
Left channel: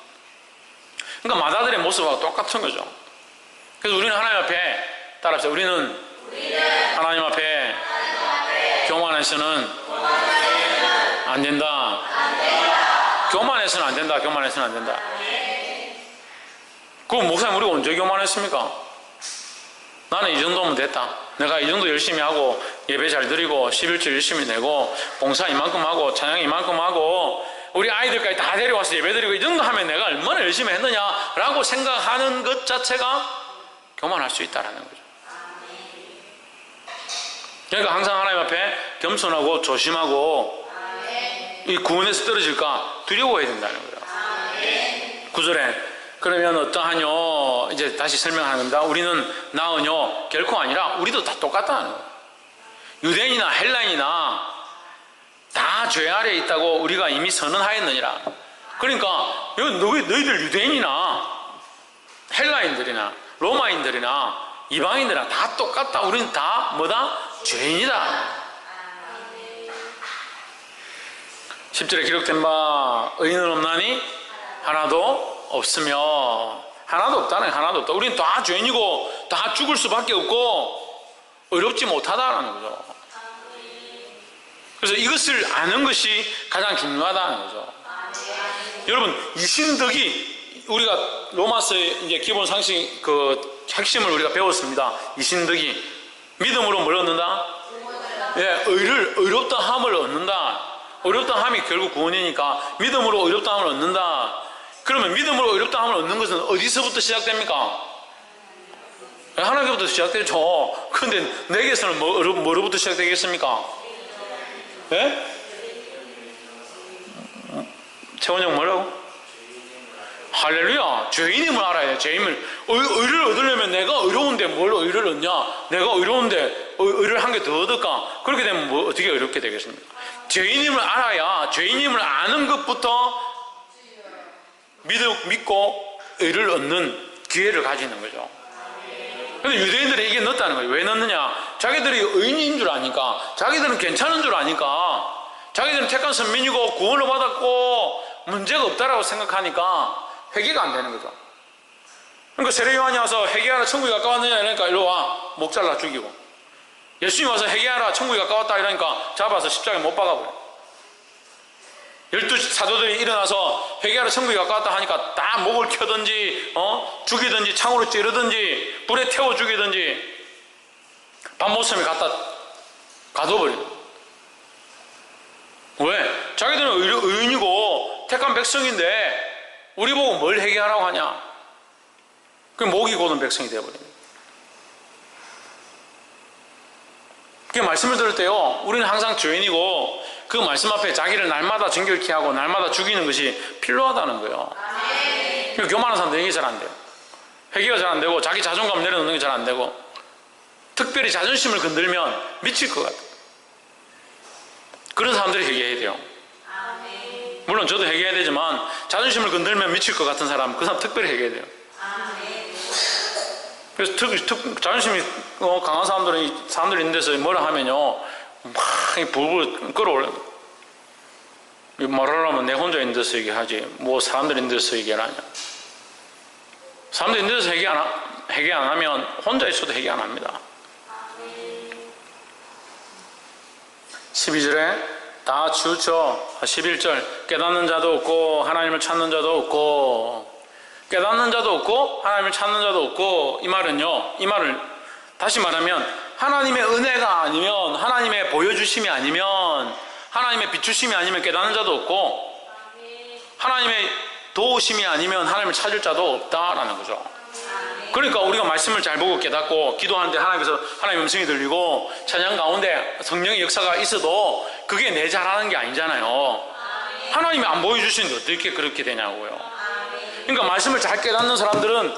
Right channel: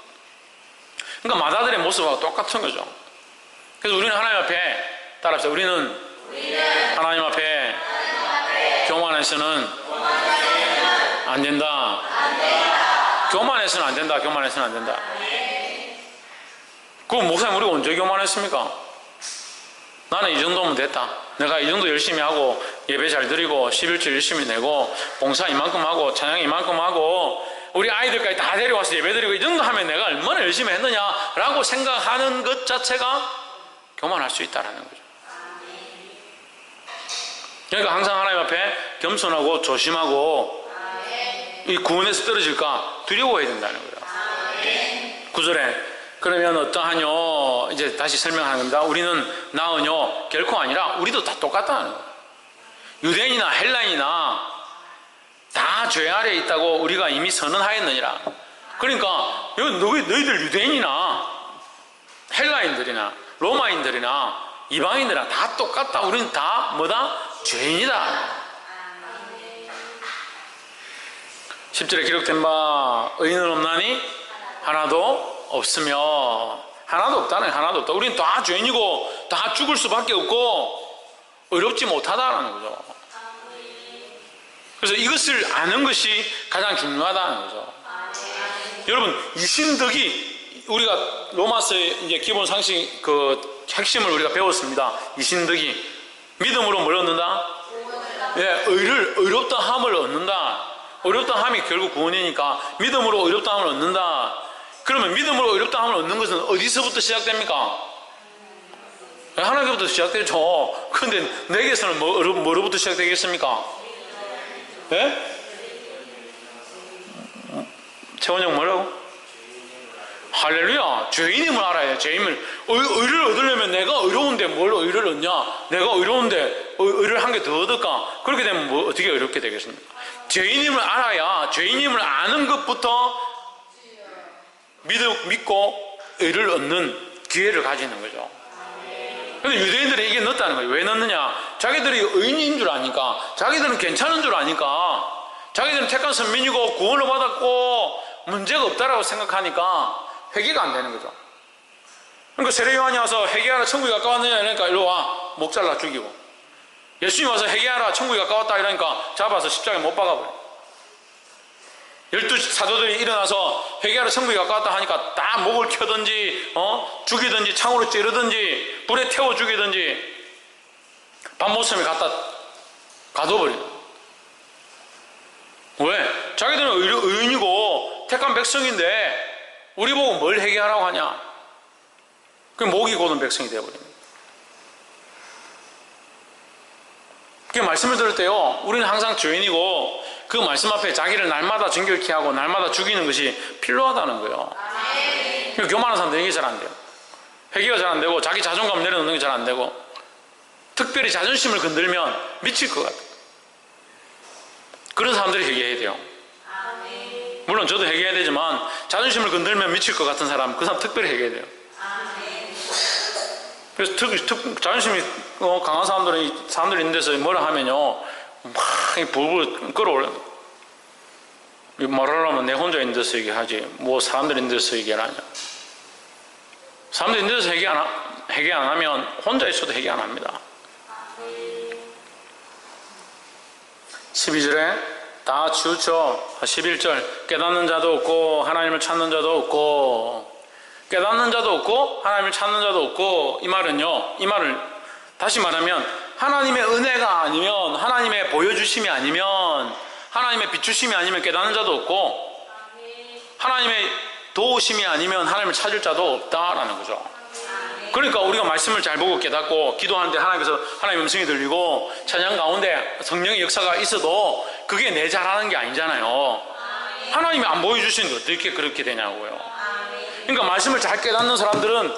그러니까 마다들의 모습하고 똑같은 거죠. 그래서 우리는 하나님 앞에 따라합시다. 우리는 하나님 앞에 교만해서는 안 된다. 교만해서는 안 된다. 교만해서는 안 된다. 그 목사님 우리가 언제 교만했습니까? 나는 이 정도면 됐다. 내가 이 정도 열심히 하고 예배 잘 드리고 11조 열심히 내고 봉사 이만큼 하고 찬양 이만큼 하고 우리 아이들까지 다 데려와서 예배 드리고 이 정도 하면 내가 얼마나 열심히 했느냐라고 생각하는 것 자체가 교만할 수 있다는 거죠. 그러니까 항상 하나님 앞에 겸손하고 조심하고 이 구원에서 떨어질까 두려워해야 된다는 거예요. 9절에 그러면 어떠하뇨? 이제 다시 설명하는 겁니다. 우리는 나으뇨? 결코 아니라 우리도 다 똑같다는 거예요. 유대인이나 헬라인이나 다 죄 아래에 있다고 우리가 이미 선언하였느니라. 그러니까 너희들 유대인이나 헬라인들이나 로마인들이나 이방인들이나 다 똑같다. 우리는 다 뭐다? 죄인이다. 10절에 기록된 바 의인은 없나니 하나도 없으며 하나도 없다네. 하나도 없다. 우리는 다 죄인이고 다 죽을 수밖에 없고 의롭지 못하다는 거죠. 그래서 이것을 아는 것이 가장 중요하다는 거죠. 여러분 이신덕이 우리가 로마서의 이제 기본 상식 그 핵심을 우리가 배웠습니다. 이신덕이 믿음으로 뭘 얻는다? 예, 의롭다 함을 얻는다. 의롭다 함이 결국 구원이니까 믿음으로 의롭다 함을 얻는다. 그러면 믿음으로 의롭다 함을 얻는 것은 어디서부터 시작됩니까? 하나님께부터 시작되죠. 그런데 내게서는 뭐로부터 시작되겠습니까? 예? 최원영 뭐라고? 할렐루야. 죄인임을 알아야 돼. 죄인임을. 의를 얻으려면 내가 의로운데 뭘 의를 얻냐? 내가 의로운데 의를 한 개 더 얻을까? 그렇게 되면 뭐 어떻게 의롭게 되겠습니까? 죄인임을 알아야 죄인임을 아는 것부터 믿고 의를 얻는 기회를 가지는 거죠. 근데 유대인들이 이게 넣었다는 거예요. 왜 넣느냐? 자기들이 의인인 줄 아니까, 자기들은 괜찮은 줄 아니까, 자기들은 택한 선민이고 구원을 받았고 문제가 없다라고 생각하니까 회개가 안 되는 거죠. 그러니까 세례 요한이 와서 회개하라 천국이 가까웠느냐 이러니까 일로 와, 목 잘라 죽이고, 예수님 와서 회개하라 천국이 가까웠다 이러니까 잡아서 십자가에 못 박아버려. 12 사도들이 일어나서 회개하라 천국이 가까웠다 하니까 다 목을 켜든지 죽이든지 창으로 찌르든지 불에 태워 죽이든지 밤모섬에 갖다 가둬버려요. 왜? 자기들은 의인이고 택한 백성인데 우리 보고 뭘 회개하라고 하냐? 그 목이 고든 백성이 되어버립니다. 그 말씀을 들을 때요, 우리는 항상 죄인이고 그 말씀 앞에 자기를 날마다 정결케 하고 날마다 죽이는 것이 필요하다는 거예요. 교만한 사람들은 이게 잘 안 돼요. 회개가 잘 안 되고 자기 자존감 내려놓는 게 잘 안 되고, 특별히 자존심을 건들면 미칠 것 같아요. 그런 사람들이 회개해야 돼요. 물론 저도 회개해야 되지만 자존심을 건들면 미칠 것 같은 사람, 그 사람 특별히 회개해야 돼요. 그래서 자존심이 강한 사람들이 있는 데서 뭐라 하면요, 막 불불 끌어올려요. 말하려면 내 혼자 있는 데서 얘기하지 뭐 사람들이 있는 데서 얘기하냐. 사람들이 있는 데서 회개 안 하면 혼자 있어도 회개 안 합니다. 12절에 다 치우쳐. 11절 깨닫는 자도 없고 하나님을 찾는 자도 없고, 깨닫는 자도 없고 하나님을 찾는 자도 없고, 이 말은요, 이 말을 다시 말하면 하나님의 은혜가 아니면, 하나님의 보여주심이 아니면, 하나님의 비추심이 아니면 깨닫는 자도 없고, 하나님의 도우심이 아니면 하나님을 찾을 자도 없다라는 거죠. 그러니까 우리가 말씀을 잘 보고 깨닫고 기도하는데 하나님께서 하나님의 음성이 들리고 찬양 가운데 성령의 역사가 있어도 그게 내 잘하는 게 아니잖아요. 하나님이 안 보여주시는데 어떻게 그렇게 되냐고요. 그러니까 말씀을 잘 깨닫는 사람들은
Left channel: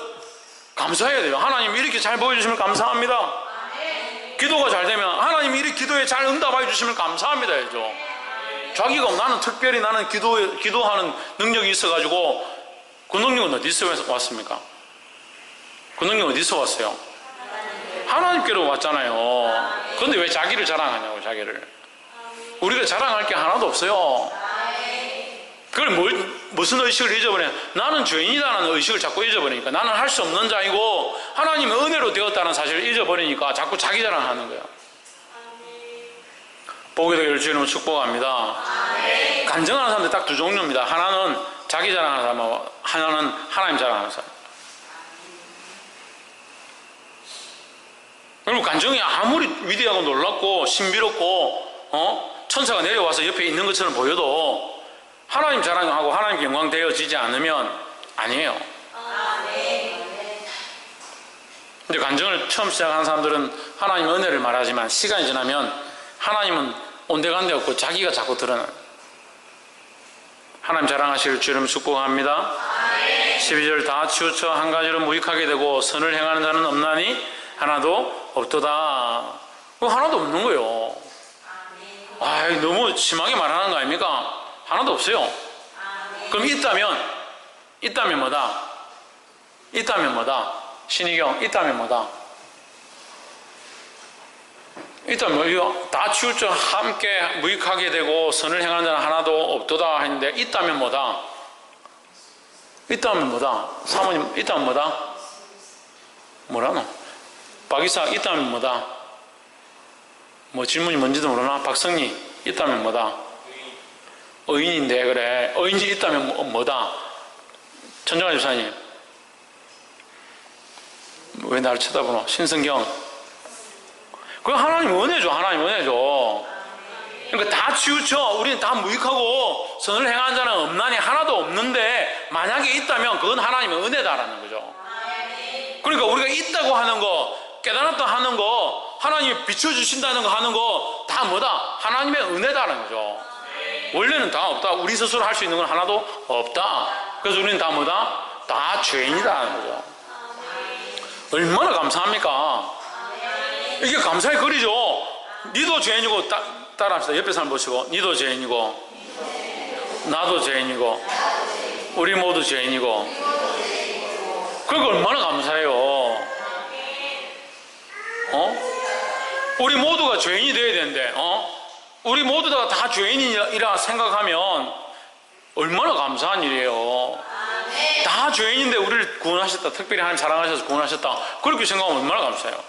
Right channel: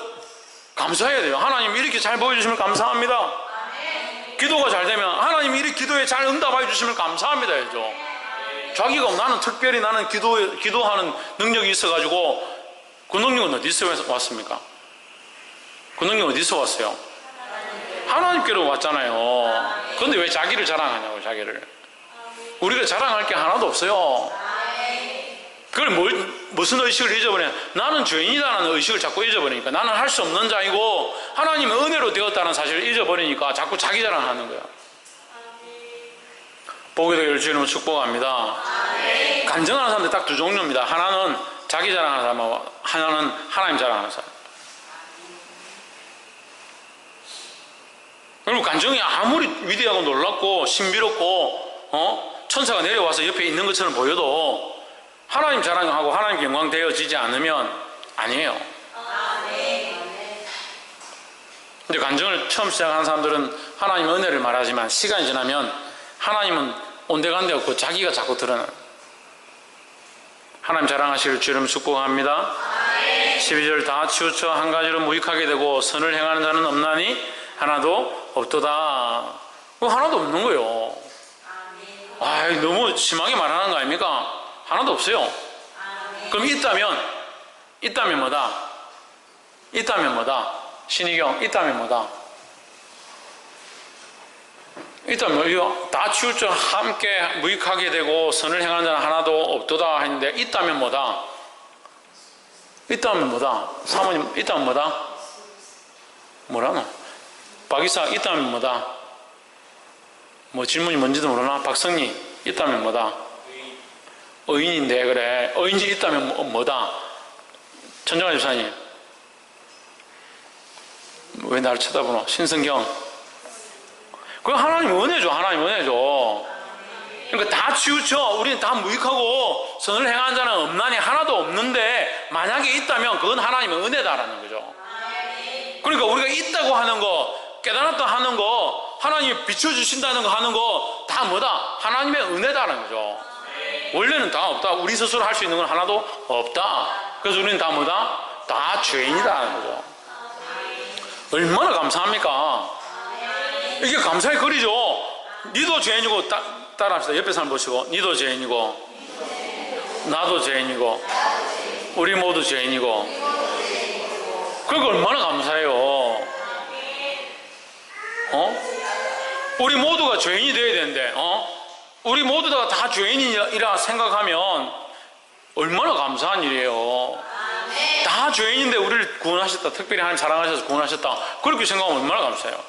감사해야 돼요. 하나님 이렇게 잘 보여주시면 감사합니다. 기도가 잘 되면 하나님이 이렇게 기도에 잘 응답해 주시면 감사합니다 해야죠. 자기가 나는 특별히 나는 기도하는 능력이 있어가지고, 그 능력은 어디서 왔습니까? 그 능력 어디서 왔어요? 하나님께로 왔잖아요. 그런데 왜 자기를 자랑하냐고. 자기를. 우리가 자랑할 게 하나도 없어요. 그걸 무슨 의식을 잊어버려? 나는 죄인이다라는 의식을 자꾸 잊어버리니까, 나는 할 수 없는 자이고 하나님의 은혜로 되었다는 사실을 잊어버리니까 자꾸 자기 자랑하는 거예요. 보게 되기를 주님은 축복합니다. 간증하는 사람들 딱 두 종류입니다. 하나는 자기 자랑하는 사람하고 하나는 하나님 자랑하는 사람. 그리고 간증이 아무리 위대하고 놀랍고 신비롭고 천사가 내려와서 옆에 있는 것처럼 보여도 하나님 자랑하고 하나님 영광 되어지지 않으면 아니에요. 근데 간증을 처음 시작하는 사람들은 하나님의 은혜를 말하지만 시간이 지나면 하나님은 온데간데 없고 자기가 자꾸 드러나요. 하나님 자랑하실 주름 축복합니다. 12절 다 치우쳐 한 가지로 무익하게 되고 선을 행하는 자는 없나니 하나도 없도다. 하나도 없는 거예요. 너무 심하게 말하는 거 아닙니까? 하나도 없어요. 그럼 있다면 뭐다? 있다면 뭐다? 신의경, 있다면 뭐다? 있다면 이거 다 치우쳐 함께 무익하게 되고 선을 행하는 자는 하나도 없도다 했는데, 있다면 뭐다? 있다면 뭐다? 사모님, 있다면 뭐다? 뭐라노? 박이사, 있다면 뭐다? 뭐 질문이 뭔지도 모르나? 박성리, 있다면 뭐다? 의인인데, 그래. 의인이 있다면 뭐다? 천정아 집사님, 왜 나를 쳐다보노? 신성경, 그건 하나님 은혜죠. 하나님 은혜죠. 그러니까 다 치우쳐. 우리는 다 무익하고 선을 행하는 자는 없나니 하나도 없는데, 만약에 있다면 그건 하나님의 은혜다라는 거죠. 그러니까 우리가 있다고 하는 거, 깨달았다 하는 거, 하나님이 비춰주신다는 거 하는 거 다 뭐다? 하나님의 은혜다라는 거죠. 원래는 다 없다. 우리 스스로 할 수 있는 건 하나도 없다. 그래서 우리는 다 뭐다? 다 죄인이다라는 거죠. 얼마나 감사합니까? 이게 감사의 거리죠. 니도 죄인이고, 따라합시다. 옆에 사람 보시고, 니도 죄인이고 나도 죄인이고 우리 모두 죄인이고 그러니까 얼마나 감사해요. 우리 모두가 죄인이 되어야 되는데, 우리 모두가 다 죄인이라 생각하면 얼마나 감사한 일이에요. 다 죄인인데 우리를 구원하셨다. 특별히 하나님 사랑하셔서 구원하셨다. 그렇게 생각하면 얼마나 감사해요.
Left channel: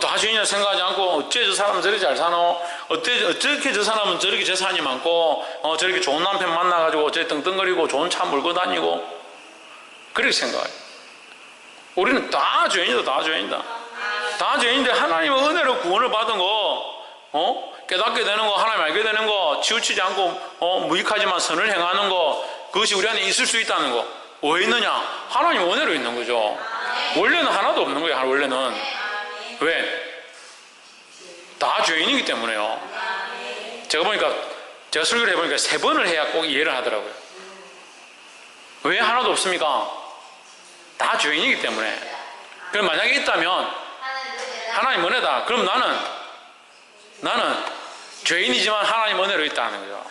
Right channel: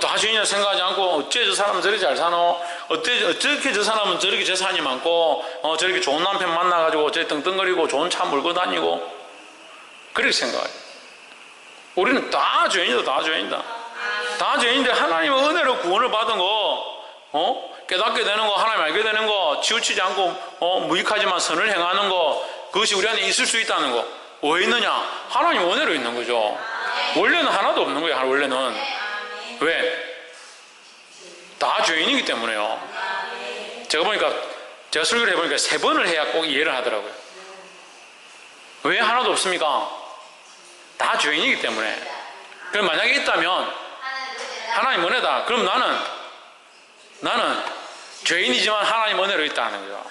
다 죄인이라 생각하지 않고 어째 저 사람은 저렇게 잘 사노? 어떻게 저 사람은 저렇게 재산이 많고 저렇게 좋은 남편 만나가지고 저렇게 떵떵거리고 좋은 차 몰고 다니고 그렇게 생각해요. 우리는 다 죄인이다. 다 죄인이다. 다 죄인인데 하나님의 은혜로 구원을 받은 거 깨닫게 되는 거, 하나님 알게 되는 거, 치우치지 않고 무익하지만 선을 행하는 거, 그것이 우리 안에 있을 수 있다는 거. 왜 있느냐? 하나님 은혜로 있는 거죠. 원래는 하나도 없는 거예요. 원래는. 왜? 다 죄인이기 때문에요. 제가 설교를 해보니까 3번을 해야 꼭 이해를 하더라고요. 왜 하나도 없습니까? 다 죄인이기 때문에. 그럼 만약에 있다면 하나님 은혜다. 그럼 나는 죄인이지만 하나님 은혜로 있다는 거죠.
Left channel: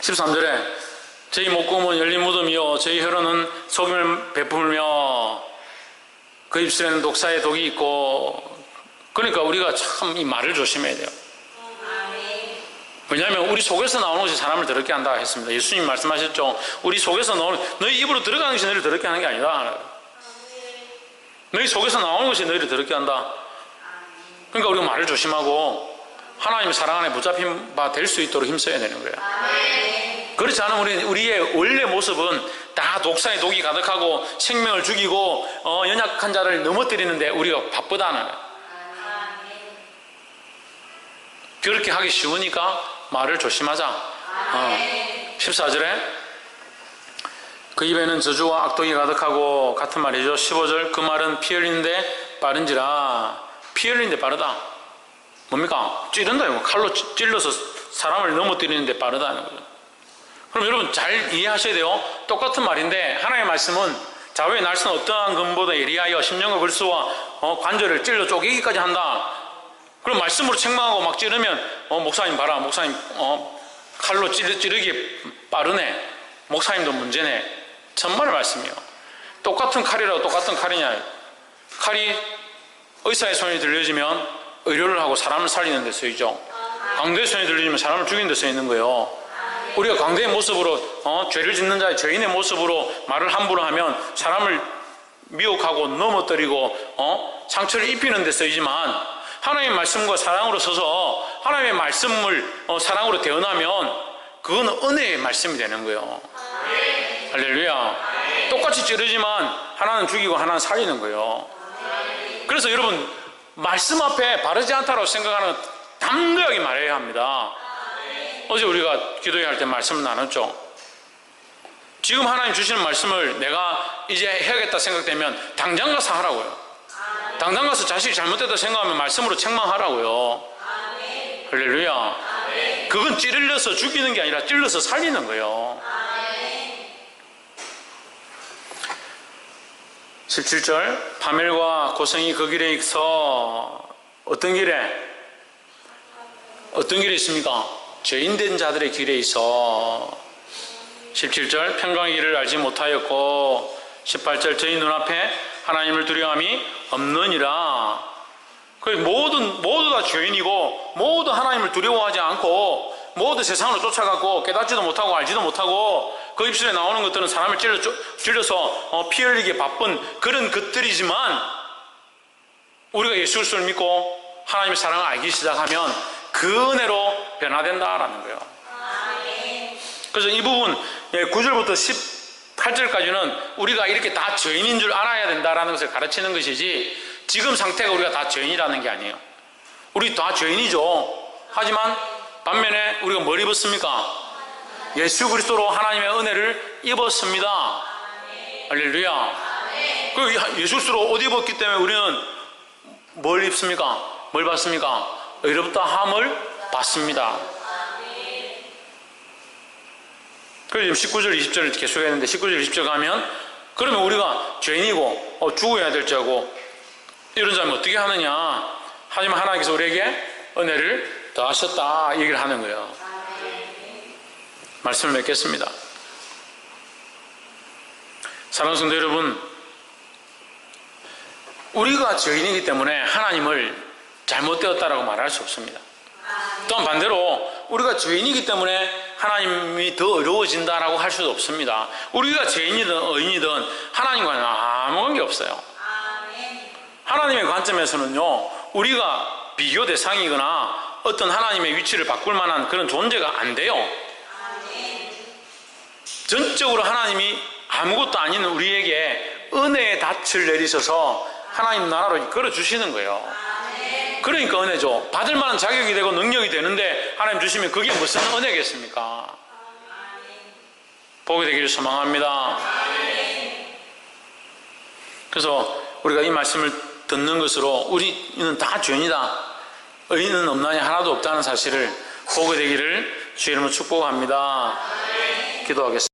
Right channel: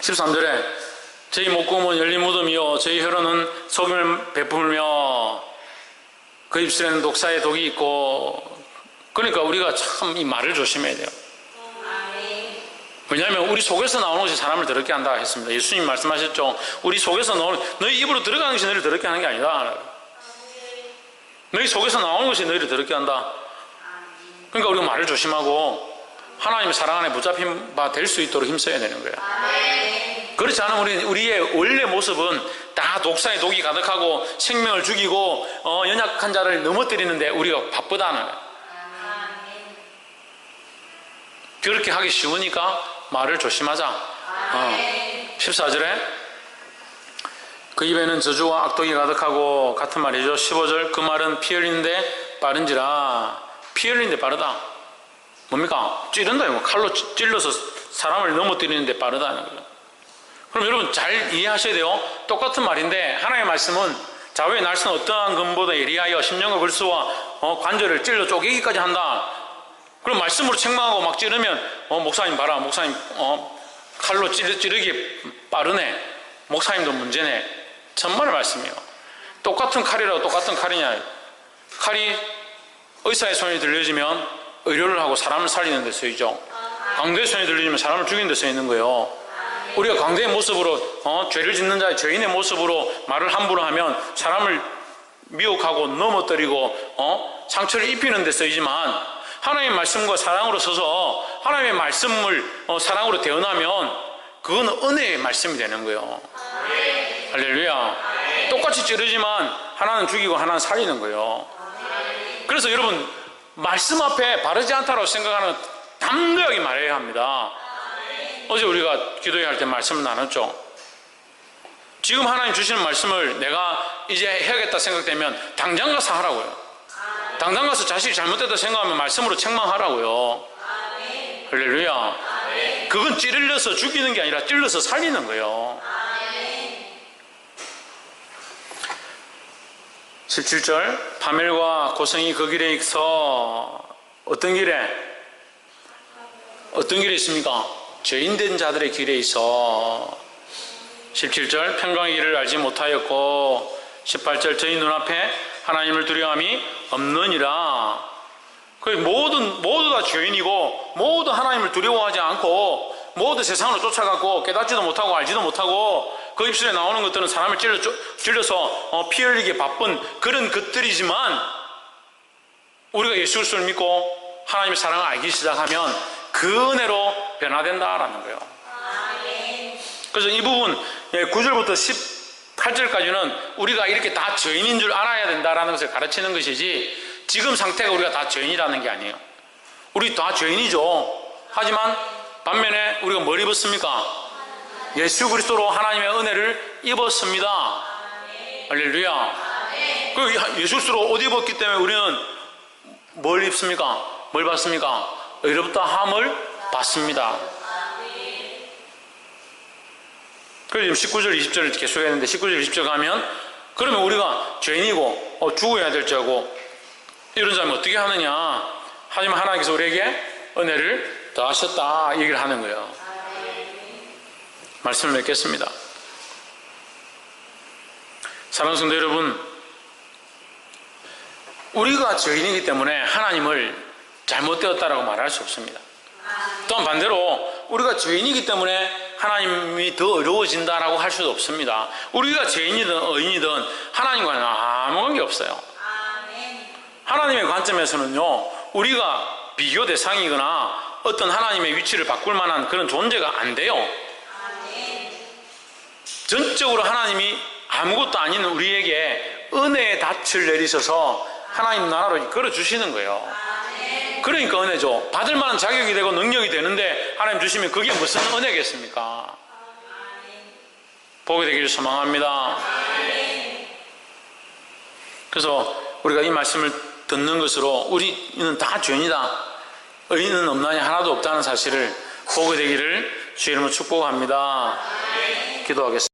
13절에 저희 목구멍은 열린 무덤이요 저희 혀로는 속임을 베풀며 그 입술에는 독사의 독이 있고. 그러니까 우리가 참 이 말을 조심해야 돼요. 왜냐하면 우리 속에서 나오는 것이 사람을 더럽게 한다 했습니다. 예수님 말씀하셨죠. 우리 속에서 나오는, 너희 입으로 들어가는 것이 너희를 더럽게 하는 게 아니다. 너희 속에서 나오는 것이 너희를 더럽게 한다. 그러니까 우리가 말을 조심하고 하나님의 사랑 안에 붙잡힌 바 될 수 있도록 힘써야 되는 거예요. 그렇지 않으면 우리의 원래 모습은 다 독사의 독이 가득하고 생명을 죽이고 연약한 자를 넘어뜨리는데 우리가 바쁘다는 거예요. 그렇게 하기 쉬우니까 말을 조심하자. 14절에 그 입에는 저주와 악독이 가득하고 같은 말이죠. 15절 그 말은 피 흘리는데 빠른지라. 피 흘리는데 빠르다. 뭡니까? 찌른다. 칼로 찔러서 사람을 넘어뜨리는데 빠르다는 거예요. 그럼 여러분 잘 이해하셔야 돼요. 똑같은 말인데 하나님의 말씀은 자외의 날선 어떠한 금보다 예리하여 심령과 불수와 관절을 찔러 쪼개기까지 한다. 그럼 말씀으로 책망하고 막 찌르면 목사님 봐라. 목사님 칼로 찌르기 빠르네. 목사님도 문제네. 천만의 말씀이에요. 똑같은 칼이라고 똑같은 칼이냐. 칼이 의사의 손이 들려지면 의료를 하고 사람을 살리는 데 쓰이죠. 강도의 손이 들려지면 사람을 죽이는 데 쓰이는 거예요. 우리가 강도의 모습으로 죄를 짓는 자의 죄인의 모습으로 말을 함부로 하면 사람을 미혹하고 넘어뜨리고 상처를 입히는 데 쓰이지만 하나님의 말씀과 사랑으로 서서 하나님의 말씀을 사랑으로 대언하면 그건 은혜의 말씀이 되는 거예요. 할렐루야. 똑같이 찌르지만 하나는 죽이고 하나는 살리는 거예요. 그래서 여러분 말씀 앞에 바르지 않다고 생각하는 담대하게 말해야 합니다. 어제 우리가 기도회 할 때 말씀을 나눴죠. 지금 하나님 주시는 말씀을 내가 이제 해야겠다 생각되면 당장 가서 하라고요. 당장 가서 자식이 잘못됐다 생각하면 말씀으로 책망하라고요. 할렐루야. 그건 찌르려서 죽이는 게 아니라 찔러서 살리는 거예요. 17절 파멸과 고성이 그 길에 있어. 어떤 길에 있습니까? 죄인된 자들의 길에 있어. 17절 평강의 길을 알지 못하였고 18절 저희 눈앞에 하나님을 두려움이 없느니라. 모두 다 죄인이고 모두 하나님을 두려워하지 않고 모두 세상으로 쫓아가고 깨닫지도 못하고 알지도 못하고 그 입술에 나오는 것들은 사람을 찔러서 피 흘리기에 바쁜 그런 것들이지만 우리가 예수 그리스도를 믿고 하나님의 사랑을 알기 시작하면 그 은혜로 변화된다라는 거예요. 그래서 이 부분 9절부터 18절까지는 우리가 이렇게 다 죄인인 줄 알아야 된다라는 것을 가르치는 것이지 지금 상태가 우리가 다 죄인이라는 게 아니에요. 우리 다 죄인이죠. 하지만 반면에 우리가 뭘 입었습니까? 예수 그리스도로 하나님의 은혜를 입었습니다. 할렐루야. 그 예수 그리스도로 옷 입었기 때문에 우리는 뭘 입습니까? 뭘 받습니까? 의롭다 함을 받습니다. 그래서 지금 19절 20절을 계속했는데 19절 20절 가면 그러면 우리가 죄인이고 죽어야 될 자고 이런 자면 어떻게 하느냐. 하지만 하나님께서 우리에게 은혜를 더하셨다 얘기를 하는 거예요. 말씀을 맺겠습니다. 사랑하는 성도 여러분, 우리가 죄인이기 때문에 하나님을 잘못되었다라고 말할 수 없습니다. 또한 반대로 우리가 죄인이기 때문에 하나님이 더 어려워진다라고 할 수도 없습니다. 우리가 죄인이든 의인이든 하나님과는 아무 관계 없어요. 하나님의 관점에서는요, 우리가 비교 대상이거나 어떤 하나님의 위치를 바꿀 만한 그런 존재가 안 돼요. 전적으로 하나님이 아무것도 아닌 우리에게 은혜의 닻을 내리셔서 하나님 나라로 이끌어 주시는 거예요. 그러니까 은혜죠. 받을 만한 자격이 되고 능력이 되는데 하나님 주시면 그게 무슨 은혜겠습니까? 보게 되기를 소망합니다. 그래서 우리가 이 말씀을 듣는 것으로 우리는 다 죄인이다, 의인은 없나니 하나도 없다는 사실을 보게 되기를 주의 이름으로 축복합니다. 기도하겠습니다.